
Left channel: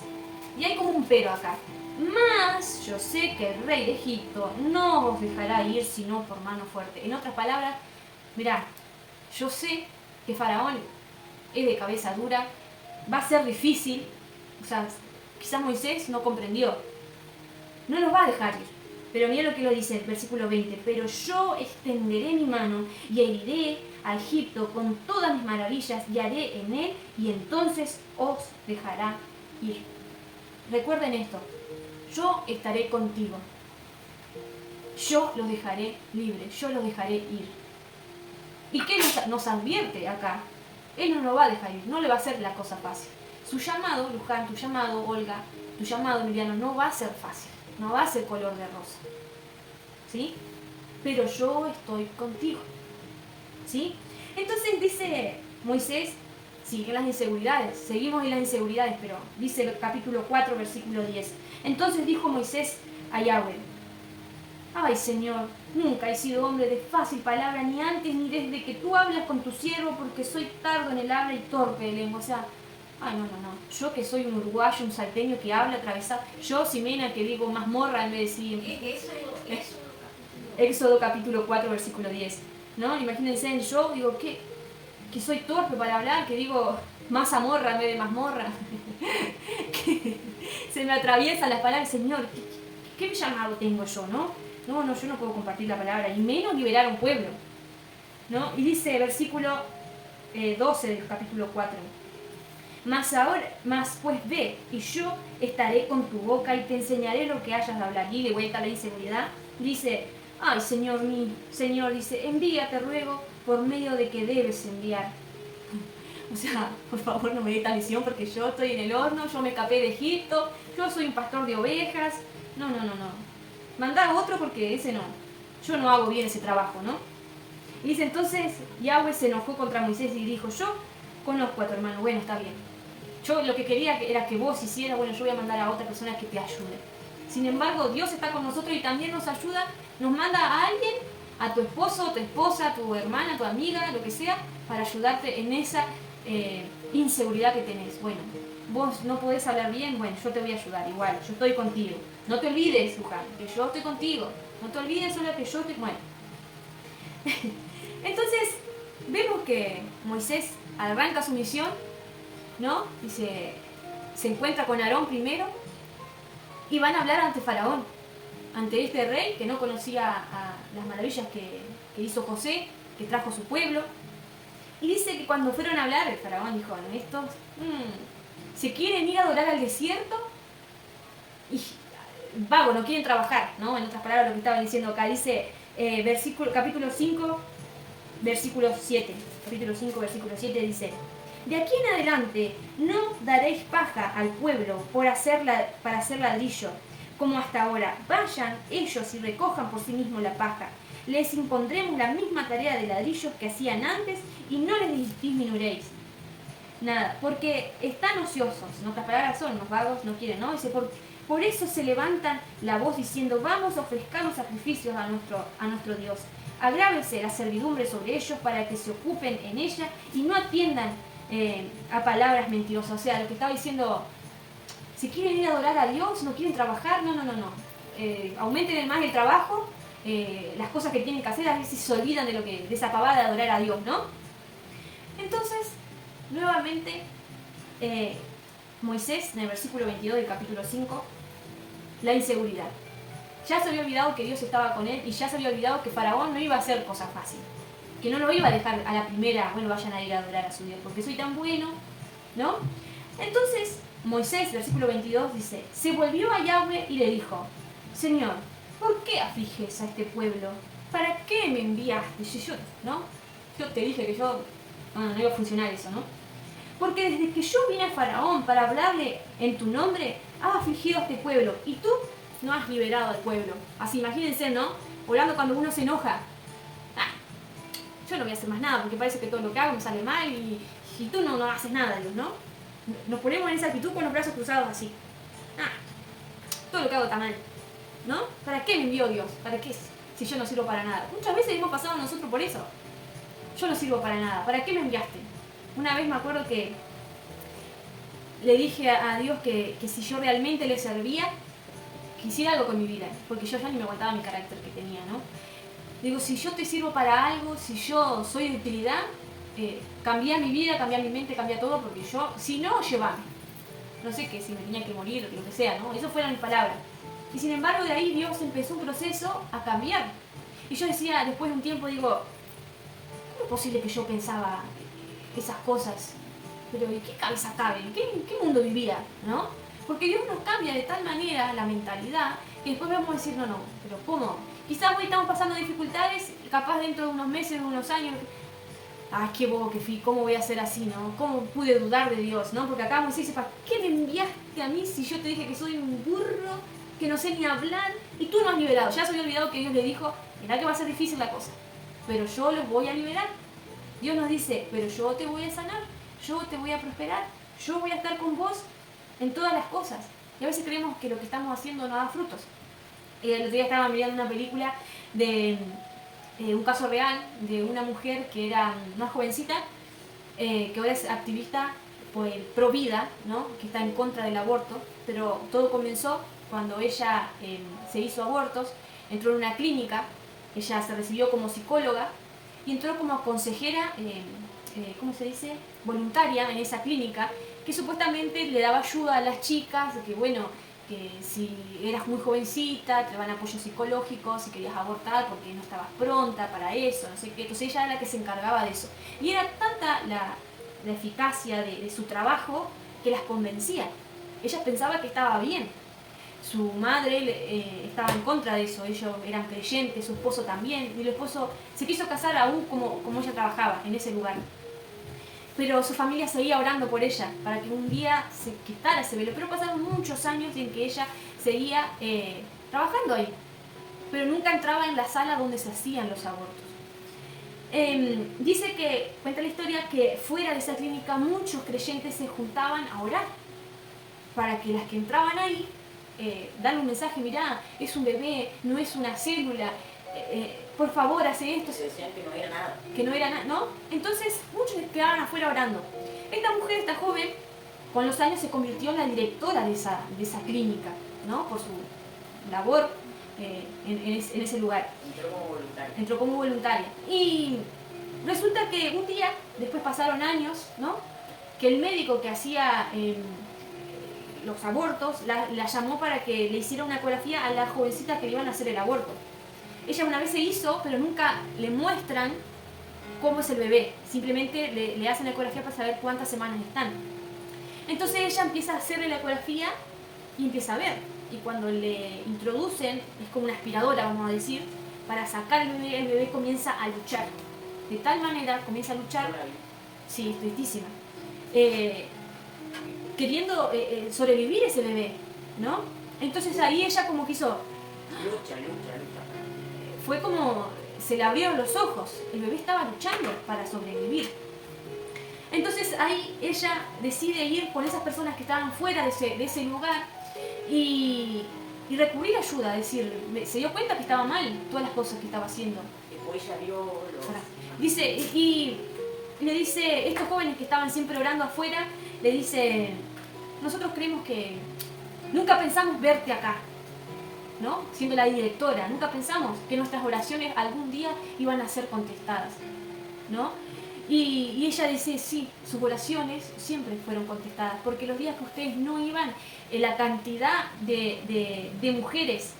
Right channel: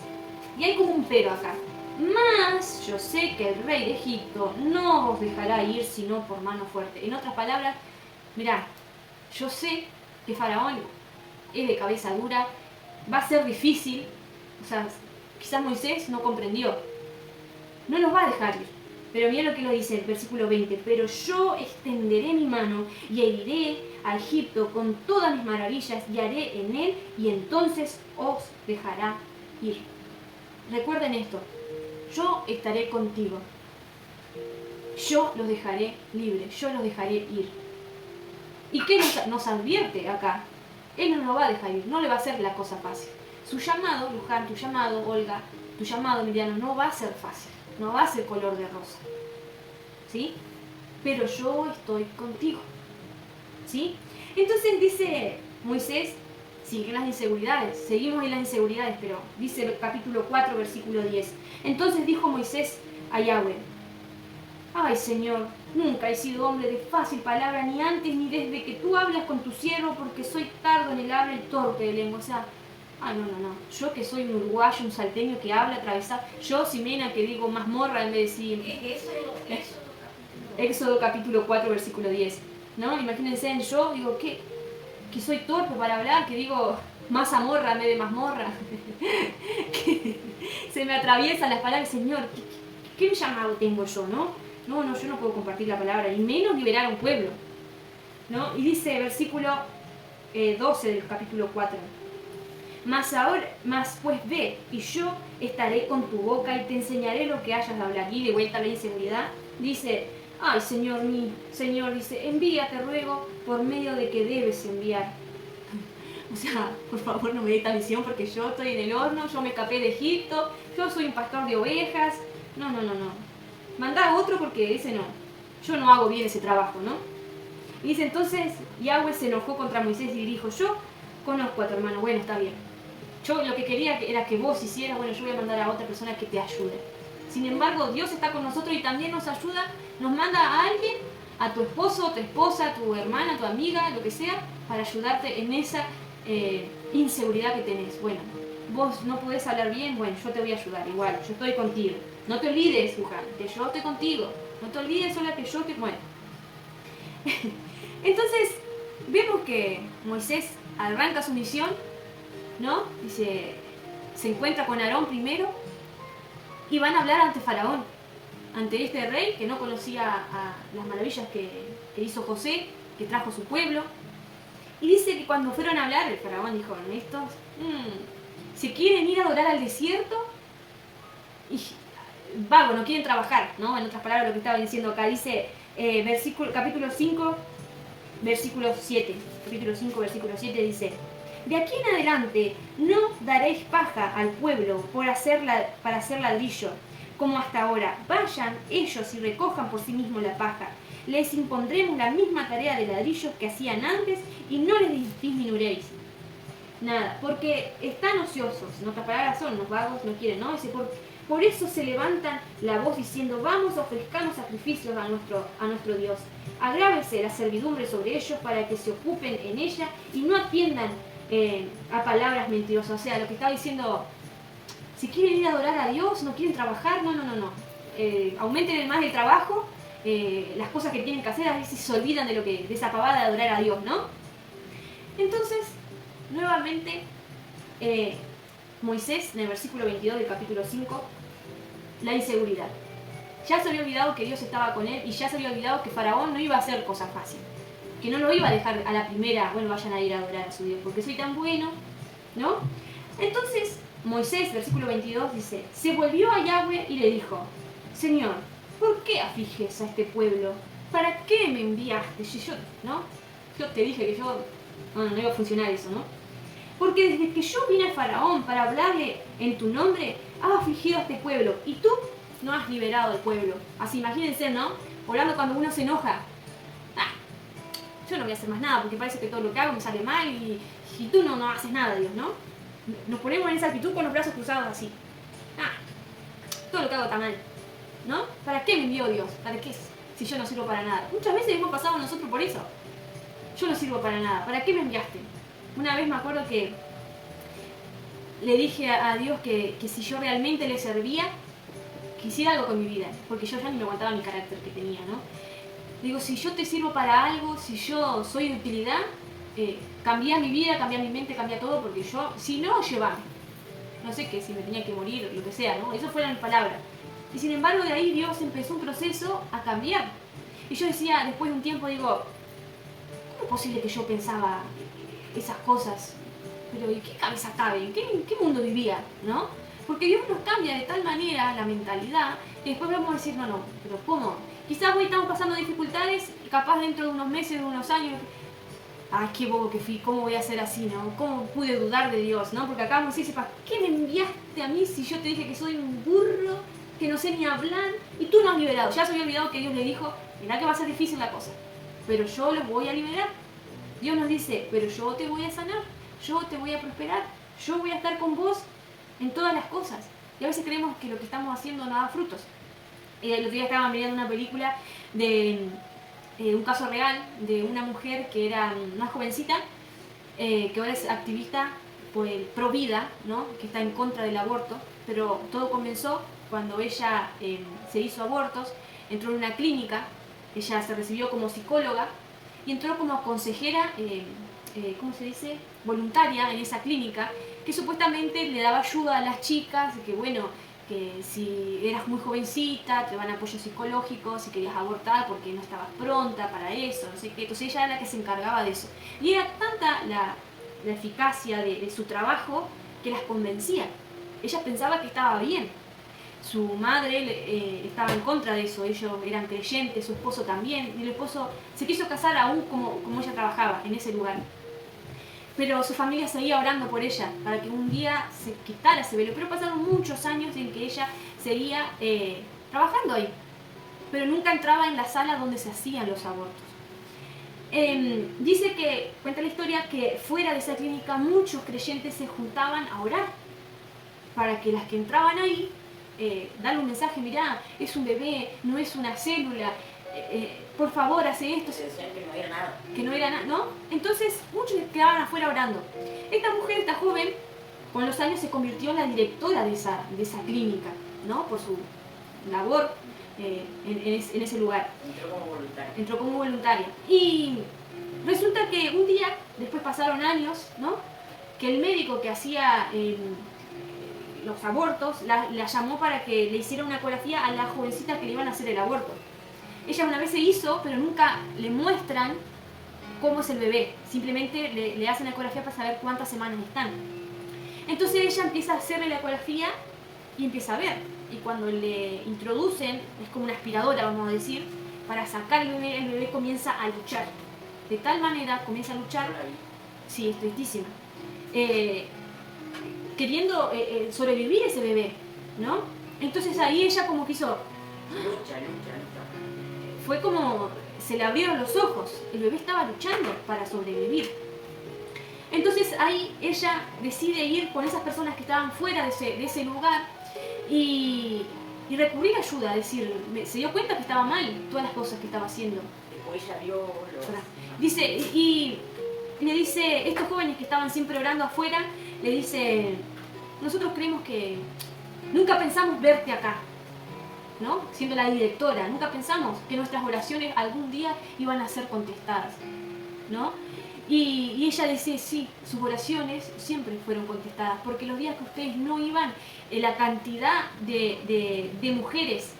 Y hay como un pero acá. Mas yo sé que el rey de Egipto no os dejará ir sino por mano fuerte. En otras palabras, mirá, yo sé que Faraón es de cabeza dura, va a ser difícil, o sea, quizás Moisés no comprendió, no los va a dejar ir. Pero mira lo que lo dice el versículo 20, pero yo extenderé mi mano y heriré a Egipto con todas mis maravillas y haré en él y entonces os dejará ir. Recuerden esto, yo estaré contigo, yo los dejaré libres, yo los dejaré ir. ¿Y qué nos advierte acá? Él no lo va a dejar ir, no le va a hacer la cosa fácil. Su llamado, Luján, tu llamado, Olga, tu llamado, Emiliano, no va a ser fácil, no va a ser color de rosa. ¿Sí? Pero yo estoy contigo. ¿Sí? Entonces dice Moisés, sigue las inseguridades, seguimos en las inseguridades, pero dice el capítulo 4, versículo 10. Entonces dijo Moisés a Yahweh, ay Señor, nunca he sido hombre de fácil palabra, ni antes ni desde que tú hablas con tu siervo, porque soy tardo en el habla y torpe de lengua. O sea, no. Yo que soy un uruguayo, un salteño que habla atravesado, yo, Ximena, que digo mazmorra en vez de decir... Éxodo capítulo 4, versículo 10. ¿No? Imagínense, yo digo que soy torpe para hablar, que digo mazamorra en vez de mazmorra. Que se me atraviesan las palabras, Señor, ¿qué llamado tengo yo, no? No, yo no puedo compartir la palabra, y menos liberar a un pueblo, ¿no? Y dice versículo 12 del capítulo 4. Mas pues ve, y yo estaré con tu boca y te enseñaré lo que hayas de hablar. Y de vuelta a la inseguridad, dice, ay Señor mío, Señor, dice, envía, te ruego, por medio de que debes enviar. O sea, por favor no me dé esta visión porque yo estoy en el horno, yo me escapé de Egipto, yo soy un pastor de ovejas. No. Mandá a otro porque dice no, yo no hago bien ese trabajo, ¿no? Y dice entonces, Yahweh se enojó contra Moisés y dijo, yo conozco a tu hermano, bueno, está bien. Yo lo que quería era que vos hicieras, bueno, yo voy a mandar a otra persona que te ayude. Sin embargo, Dios está con nosotros y también nos ayuda, nos manda a alguien, a tu esposo, tu esposa, tu hermana, tu amiga, lo que sea, para ayudarte en esa inseguridad que tenés. Bueno, vos no podés hablar bien, bueno, yo te voy a ayudar igual, yo estoy contigo. No te olvides, Luján, que yo estoy contigo. No te olvides solo que yo te... Bueno. Entonces, vemos que Moisés arranca su misión, ¿no? Y se encuentra con Aarón primero y van a hablar ante Faraón, ante este rey que no conocía a las maravillas que hizo José, que trajo a su pueblo. Y dice que cuando fueron a hablar, el Faraón dijo, estos se quieren ir a adorar al desierto y vago, no quieren trabajar, ¿no? En otras palabras, lo que estaba diciendo acá dice capítulo 5, versículo 7. Capítulo 5, versículo 7 dice, de aquí en adelante no daréis paja al pueblo para hacer ladrillo, como hasta ahora. Vayan ellos y recojan por sí mismos la paja. Les impondremos la misma tarea de ladrillos que hacían antes y no les disminuiréis nada, porque están ociosos. En otras palabras, son los vagos, no quieren, ¿no? Dice, por eso se levantan la voz diciendo, vamos a ofrezcarnos sacrificios a nuestro Dios. Agrávese la servidumbre sobre ellos para que se ocupen en ella y no atiendan a palabras mentirosas. O sea, lo que estaba diciendo, si quieren ir a adorar a Dios, no quieren trabajar, no. Aumenten más el trabajo, las cosas que tienen que hacer, a veces se olvidan de esa pavada de adorar a Dios, ¿no? Entonces, nuevamente, Moisés, en el versículo 22 del capítulo 5, la inseguridad. Ya se había olvidado que Dios estaba con él y ya se había olvidado que Faraón no iba a hacer cosas fáciles. Que no lo iba a dejar a la primera, bueno, vayan a ir a adorar a su Dios, porque soy tan bueno, ¿no? Entonces, Moisés, versículo 22, dice, se volvió a Yahweh y le dijo, Señor, ¿por qué afliges a este pueblo? ¿Para qué me enviaste? Yo te dije que no iba a funcionar eso, ¿no? Porque desde que yo vine a Faraón para hablarle en tu nombre, has afligido a este pueblo y tú no has liberado al pueblo. Así, imagínense, ¿no? Hablando cuando uno se enoja. Yo no voy a hacer más nada porque parece que todo lo que hago me sale mal y tú no haces nada, Dios, ¿no? Nos ponemos en esa actitud con los brazos cruzados así. Todo lo que hago está mal, ¿no? ¿Para qué me envió Dios? ¿Para qué? Si yo no sirvo para nada. Muchas veces hemos pasado nosotros por eso. Yo no sirvo para nada. ¿Para qué me enviaste? Una vez me acuerdo que le dije a Dios que si yo realmente le servía, hiciera algo con mi vida, porque yo ya ni me aguantaba mi carácter que tenía, ¿no? Digo, si yo te sirvo para algo, si yo soy de utilidad, cambia mi vida, cambia mi mente, cambia todo, porque yo, si no, llévame. No sé qué, si me tenía que morir, lo que sea, ¿no? Eso fueron mis palabras. Y sin embargo, de ahí Dios empezó un proceso a cambiar. Y yo decía, después de un tiempo, digo, ¿cómo es posible que yo pensaba esas cosas? Pero ¿y qué cabeza cabe? ¿En qué mundo vivía? ¿No? Porque Dios nos cambia de tal manera la mentalidad que después vamos a decir, no, pero ¿cómo? Quizás hoy estamos pasando dificultades, capaz dentro de unos meses, de unos años, ay, qué bobo que fui, ¿cómo voy a ser así, no? ¿Cómo pude dudar de Dios, no? Porque acá vamos a decir, ¿para qué me enviaste a mí si yo te dije que soy un burro, que no sé ni hablar? Y tú no has liberado. Ya se había olvidado que Dios le dijo, mirá que va a ser difícil la cosa, pero yo los voy a liberar. Dios nos dice, pero yo te voy a sanar, yo te voy a prosperar, yo voy a estar con vos en todas las cosas. Y a veces creemos que lo que estamos haciendo no da frutos. El otro día estaba mirando una película de un caso real de una mujer que era una jovencita que ahora es activista pro vida, ¿no? Que está en contra del aborto, pero todo comenzó cuando ella se hizo abortos, entró en una clínica, ella se recibió como psicóloga y entró como consejera, ¿cómo se dice?, voluntaria en esa clínica, que supuestamente le daba ayuda a las chicas, que bueno, que si eras muy jovencita, te daban apoyo psicológico, si querías abortar porque no estabas pronta para eso, no sé qué. Entonces ella era la que se encargaba de eso. Y era tanta la eficacia de su trabajo que las convencía. Ella pensaba que estaba bien. Su madre estaba en contra de eso, ellos eran creyentes, su esposo también, y el esposo se quiso casar aún como ella trabajaba en ese lugar. Pero su familia seguía orando por ella, para que un día se quitara ese velo. Pero pasaron muchos años en que ella seguía trabajando ahí, pero nunca entraba en la sala donde se hacían los abortos. Dice que, cuenta la historia, que fuera de esa clínica muchos creyentes se juntaban a orar, para que las que entraban ahí, darle un mensaje, mirá, es un bebé, no es una célula, por favor, hace esto. Se decían que no era nada. Que no era nada, ¿no? Entonces muchos quedaban afuera orando. Esta mujer, esta joven, con los años se convirtió en la directora de esa clínica, ¿no? Por su labor en ese lugar. Entró como voluntaria. Entró como voluntaria. Y resulta que un día, después pasaron años, ¿no? Que el médico que hacía los abortos la llamó para que le hiciera una ecografía a la jovencita que le iban a hacer el aborto. Ella una vez se hizo, pero nunca le muestran cómo es el bebé. Simplemente le hacen la ecografía para saber cuántas semanas están. Entonces ella empieza a hacerle la ecografía y empieza a ver. Y cuando le introducen, es como una aspiradora, vamos a decir, para sacar el bebé comienza a luchar. De tal manera comienza a luchar, sí, es tristísima, queriendo sobrevivir ese bebé, ¿no? Entonces ahí ella como quiso... Lucha. Fue como, se le abrieron los ojos, el bebé estaba luchando para sobrevivir. Entonces ahí ella decide ir con esas personas que estaban fuera de ese lugar y recurrir a ayuda, decir, se dio cuenta que estaba mal todas las cosas que estaba haciendo. Después ella vio los... Dice, y le dice, estos jóvenes que estaban siempre orando afuera, le dice, nosotros creemos que nunca pensamos verte acá, ¿no? Siendo la directora, nunca pensamos que nuestras oraciones algún día iban a ser contestadas, ¿no? Y ella dice, sí, sus oraciones siempre fueron contestadas, porque los días que ustedes no iban, la cantidad de mujeres,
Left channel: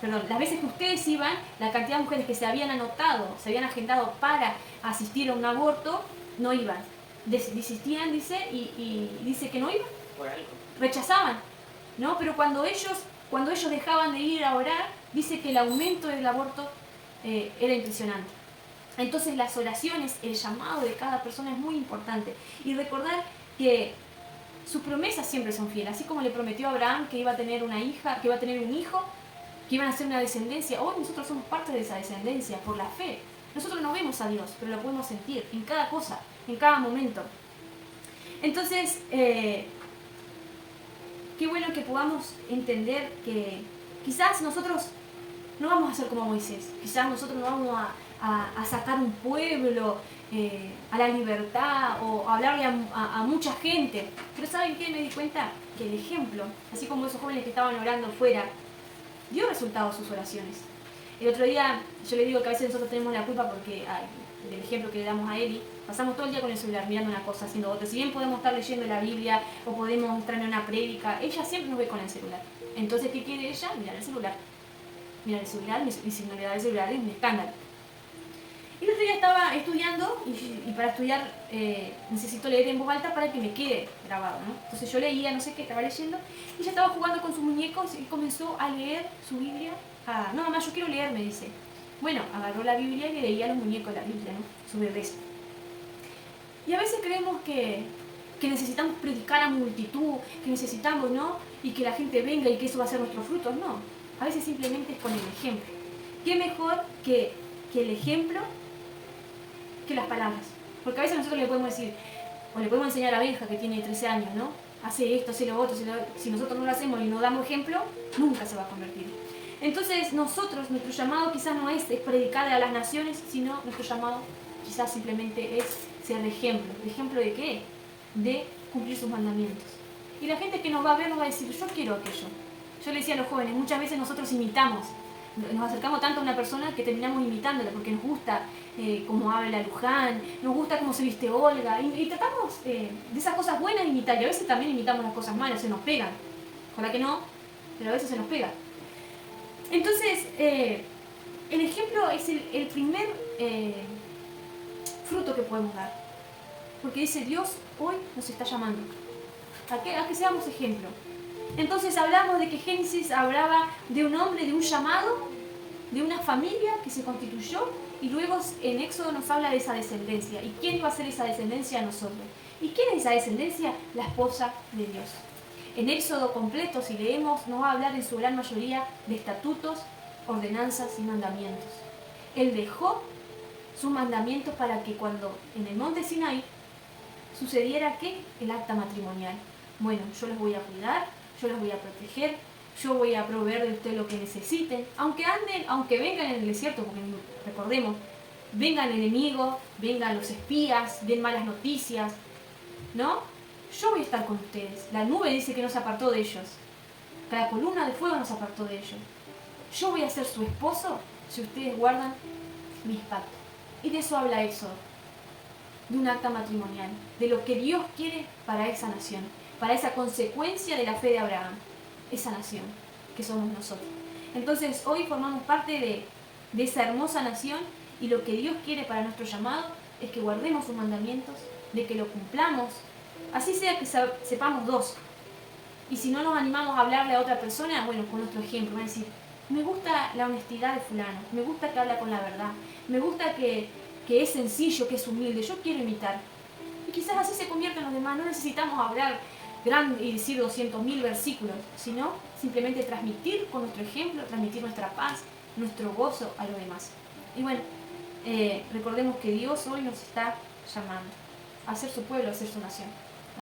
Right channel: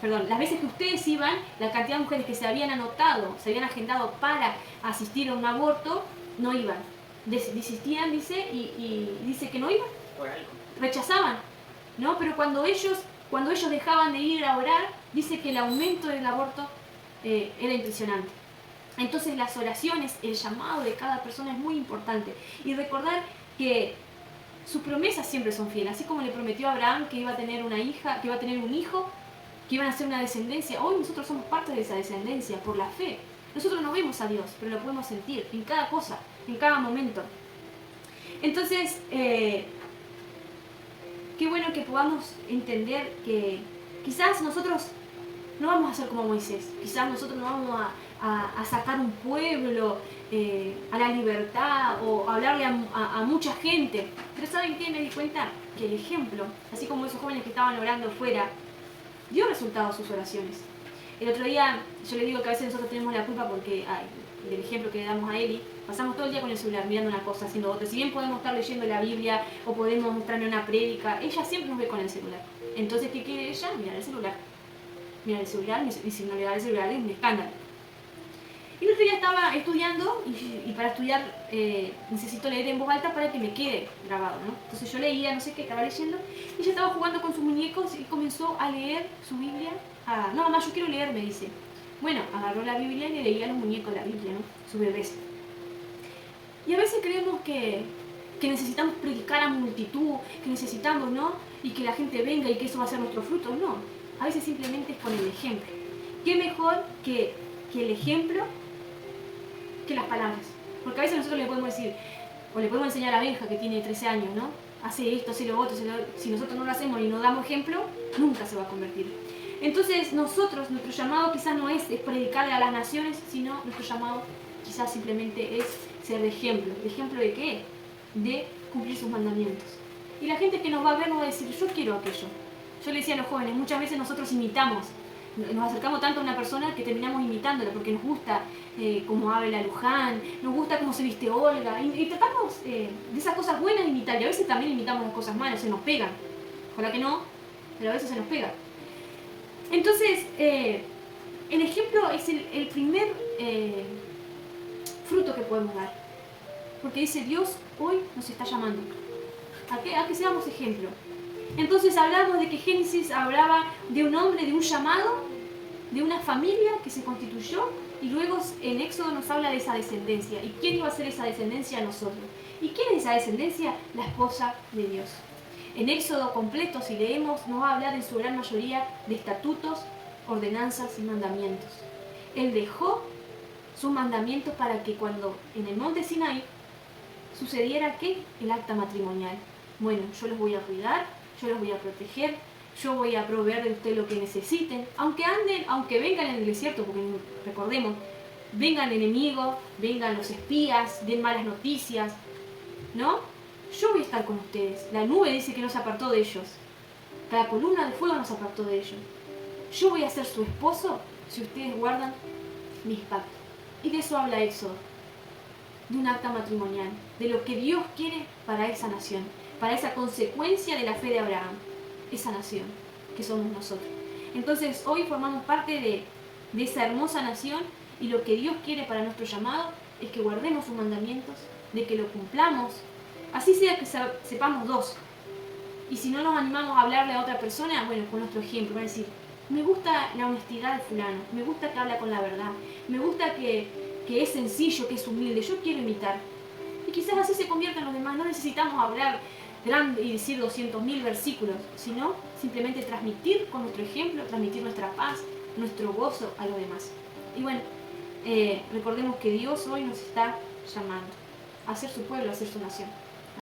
perdón, las veces que ustedes iban, la cantidad de mujeres que se habían anotado, se habían agendado para asistir a un aborto, no iban. Desistían, dice, y dice que no iban, Por algo. rechazaban, ¿no? Pero cuando ellos dejaban de ir a orar, dice que el aumento del aborto era impresionante. Entonces las oraciones, el llamado de cada persona es muy importante. Y recordar que sus promesas siempre son fieles. Así como le prometió a Abraham que iba a tener una hija, que iba a tener un hijo, que iban a ser una descendencia. Hoy nosotros somos parte de esa descendencia por la fe. Nosotros no vemos a Dios, pero lo podemos sentir en cada cosa, en cada momento. Entonces, qué bueno que podamos entender que quizás nosotros no vamos a ser como Moisés. Quizás nosotros no vamos a sacar un pueblo a la libertad o a hablarle a mucha gente. Pero ¿saben qué? Me di cuenta que el ejemplo, así como esos jóvenes que estaban orando fuera, dio resultados sus oraciones. El otro día yo le digo que a veces nosotros tenemos la culpa porque, del ejemplo que le damos a Eli, pasamos todo el día con el celular mirando una cosa, haciendo otra. Si bien podemos estar leyendo la Biblia o podemos estar en una prédica, ella siempre nos ve con el celular. Entonces, ¿qué quiere ella? Mirar el celular. Mirar el celular, y si no le da el celular es un escándalo. Y el otro día estaba estudiando y para estudiar necesito leer en voz alta para que me quede grabado, ¿no? Entonces yo leía, no sé qué, estaba leyendo y ella estaba jugando con sus muñecos y comenzó a leer su Biblia. No, mamá, yo quiero leer, me dice. Bueno, agarró la Biblia y le leía a los muñecos la Biblia, ¿no? Su bebés. Y a veces creemos que necesitamos predicar a multitud, que necesitamos, ¿no? Y que la gente venga y que eso va a ser nuestro fruto. No, a veces simplemente es con el ejemplo. ¿Qué mejor que el ejemplo que las palabras? Porque a veces nosotros le podemos decir, o le podemos enseñar a Benja que tiene 13 años, ¿no? Hace esto, hace lo otro, si nosotros no lo hacemos y no damos ejemplo, nunca se va a convertir. Entonces nuestro llamado quizás no es predicarle a las naciones, sino nuestro llamado quizás simplemente es ser de ejemplo. ¿De ejemplo de qué? De cumplir sus mandamientos. Y la gente que nos va a ver nos va a decir, yo quiero aquello. Yo le decía a los jóvenes, muchas veces nosotros imitamos. Nos acercamos tanto a una persona que terminamos imitándola porque nos gusta cómo habla Luján, nos gusta cómo se viste Olga y tratamos de esas cosas buenas de imitar y a veces también imitamos las cosas malas, se nos pegan. Ojalá que no, pero a veces se nos pega. Entonces, el ejemplo es el primer fruto que podemos dar. Porque dice, Dios hoy nos está llamando a que seamos ejemplo. Entonces hablamos de que Génesis hablaba de un hombre, de un llamado, de una familia que se constituyó y luego en Éxodo nos habla de esa descendencia. ¿Y quién iba a ser esa descendencia? Nosotros. ¿Y quién es esa descendencia? La esposa de Dios. En Éxodo completo, si leemos, nos va a hablar en su gran mayoría de estatutos, ordenanzas y mandamientos. Él dejó sus mandamientos para que cuando en el monte Sinaí sucediera ¿qué? El acta matrimonial. Bueno, yo los voy a cuidar, yo los voy a proteger, yo voy a proveer de usted lo que necesiten, aunque vengan en el desierto, porque recordemos, vengan enemigos, vengan los espías, den malas noticias, ¿no? Yo voy a estar con ustedes. La nube dice que no se apartó de ellos. La columna de fuego no se apartó de ellos. Yo voy a ser su esposo si ustedes guardan mis pactos. Y de eso habla Éxodo, de un acta matrimonial, de lo que Dios quiere para esa nación, para esa consecuencia de la fe de Abraham, esa nación que somos nosotros. Entonces hoy formamos parte de esa hermosa nación y lo que Dios quiere para nuestro llamado es que guardemos sus mandamientos, de que lo cumplamos, así sea que sepamos dos. Y si no nos animamos a hablarle a otra persona, bueno, con nuestro ejemplo, van a decir, me gusta la honestidad de fulano, me gusta que habla con la verdad, me gusta que es sencillo, que es humilde, yo quiero imitar. Y quizás así se conviertan los demás, no necesitamos hablar grande y decir 200.000 versículos, sino simplemente transmitir con nuestro ejemplo, transmitir nuestra paz, nuestro gozo a los demás. Y bueno, recordemos que Dios hoy nos está llamando a ser su pueblo, a ser su nación.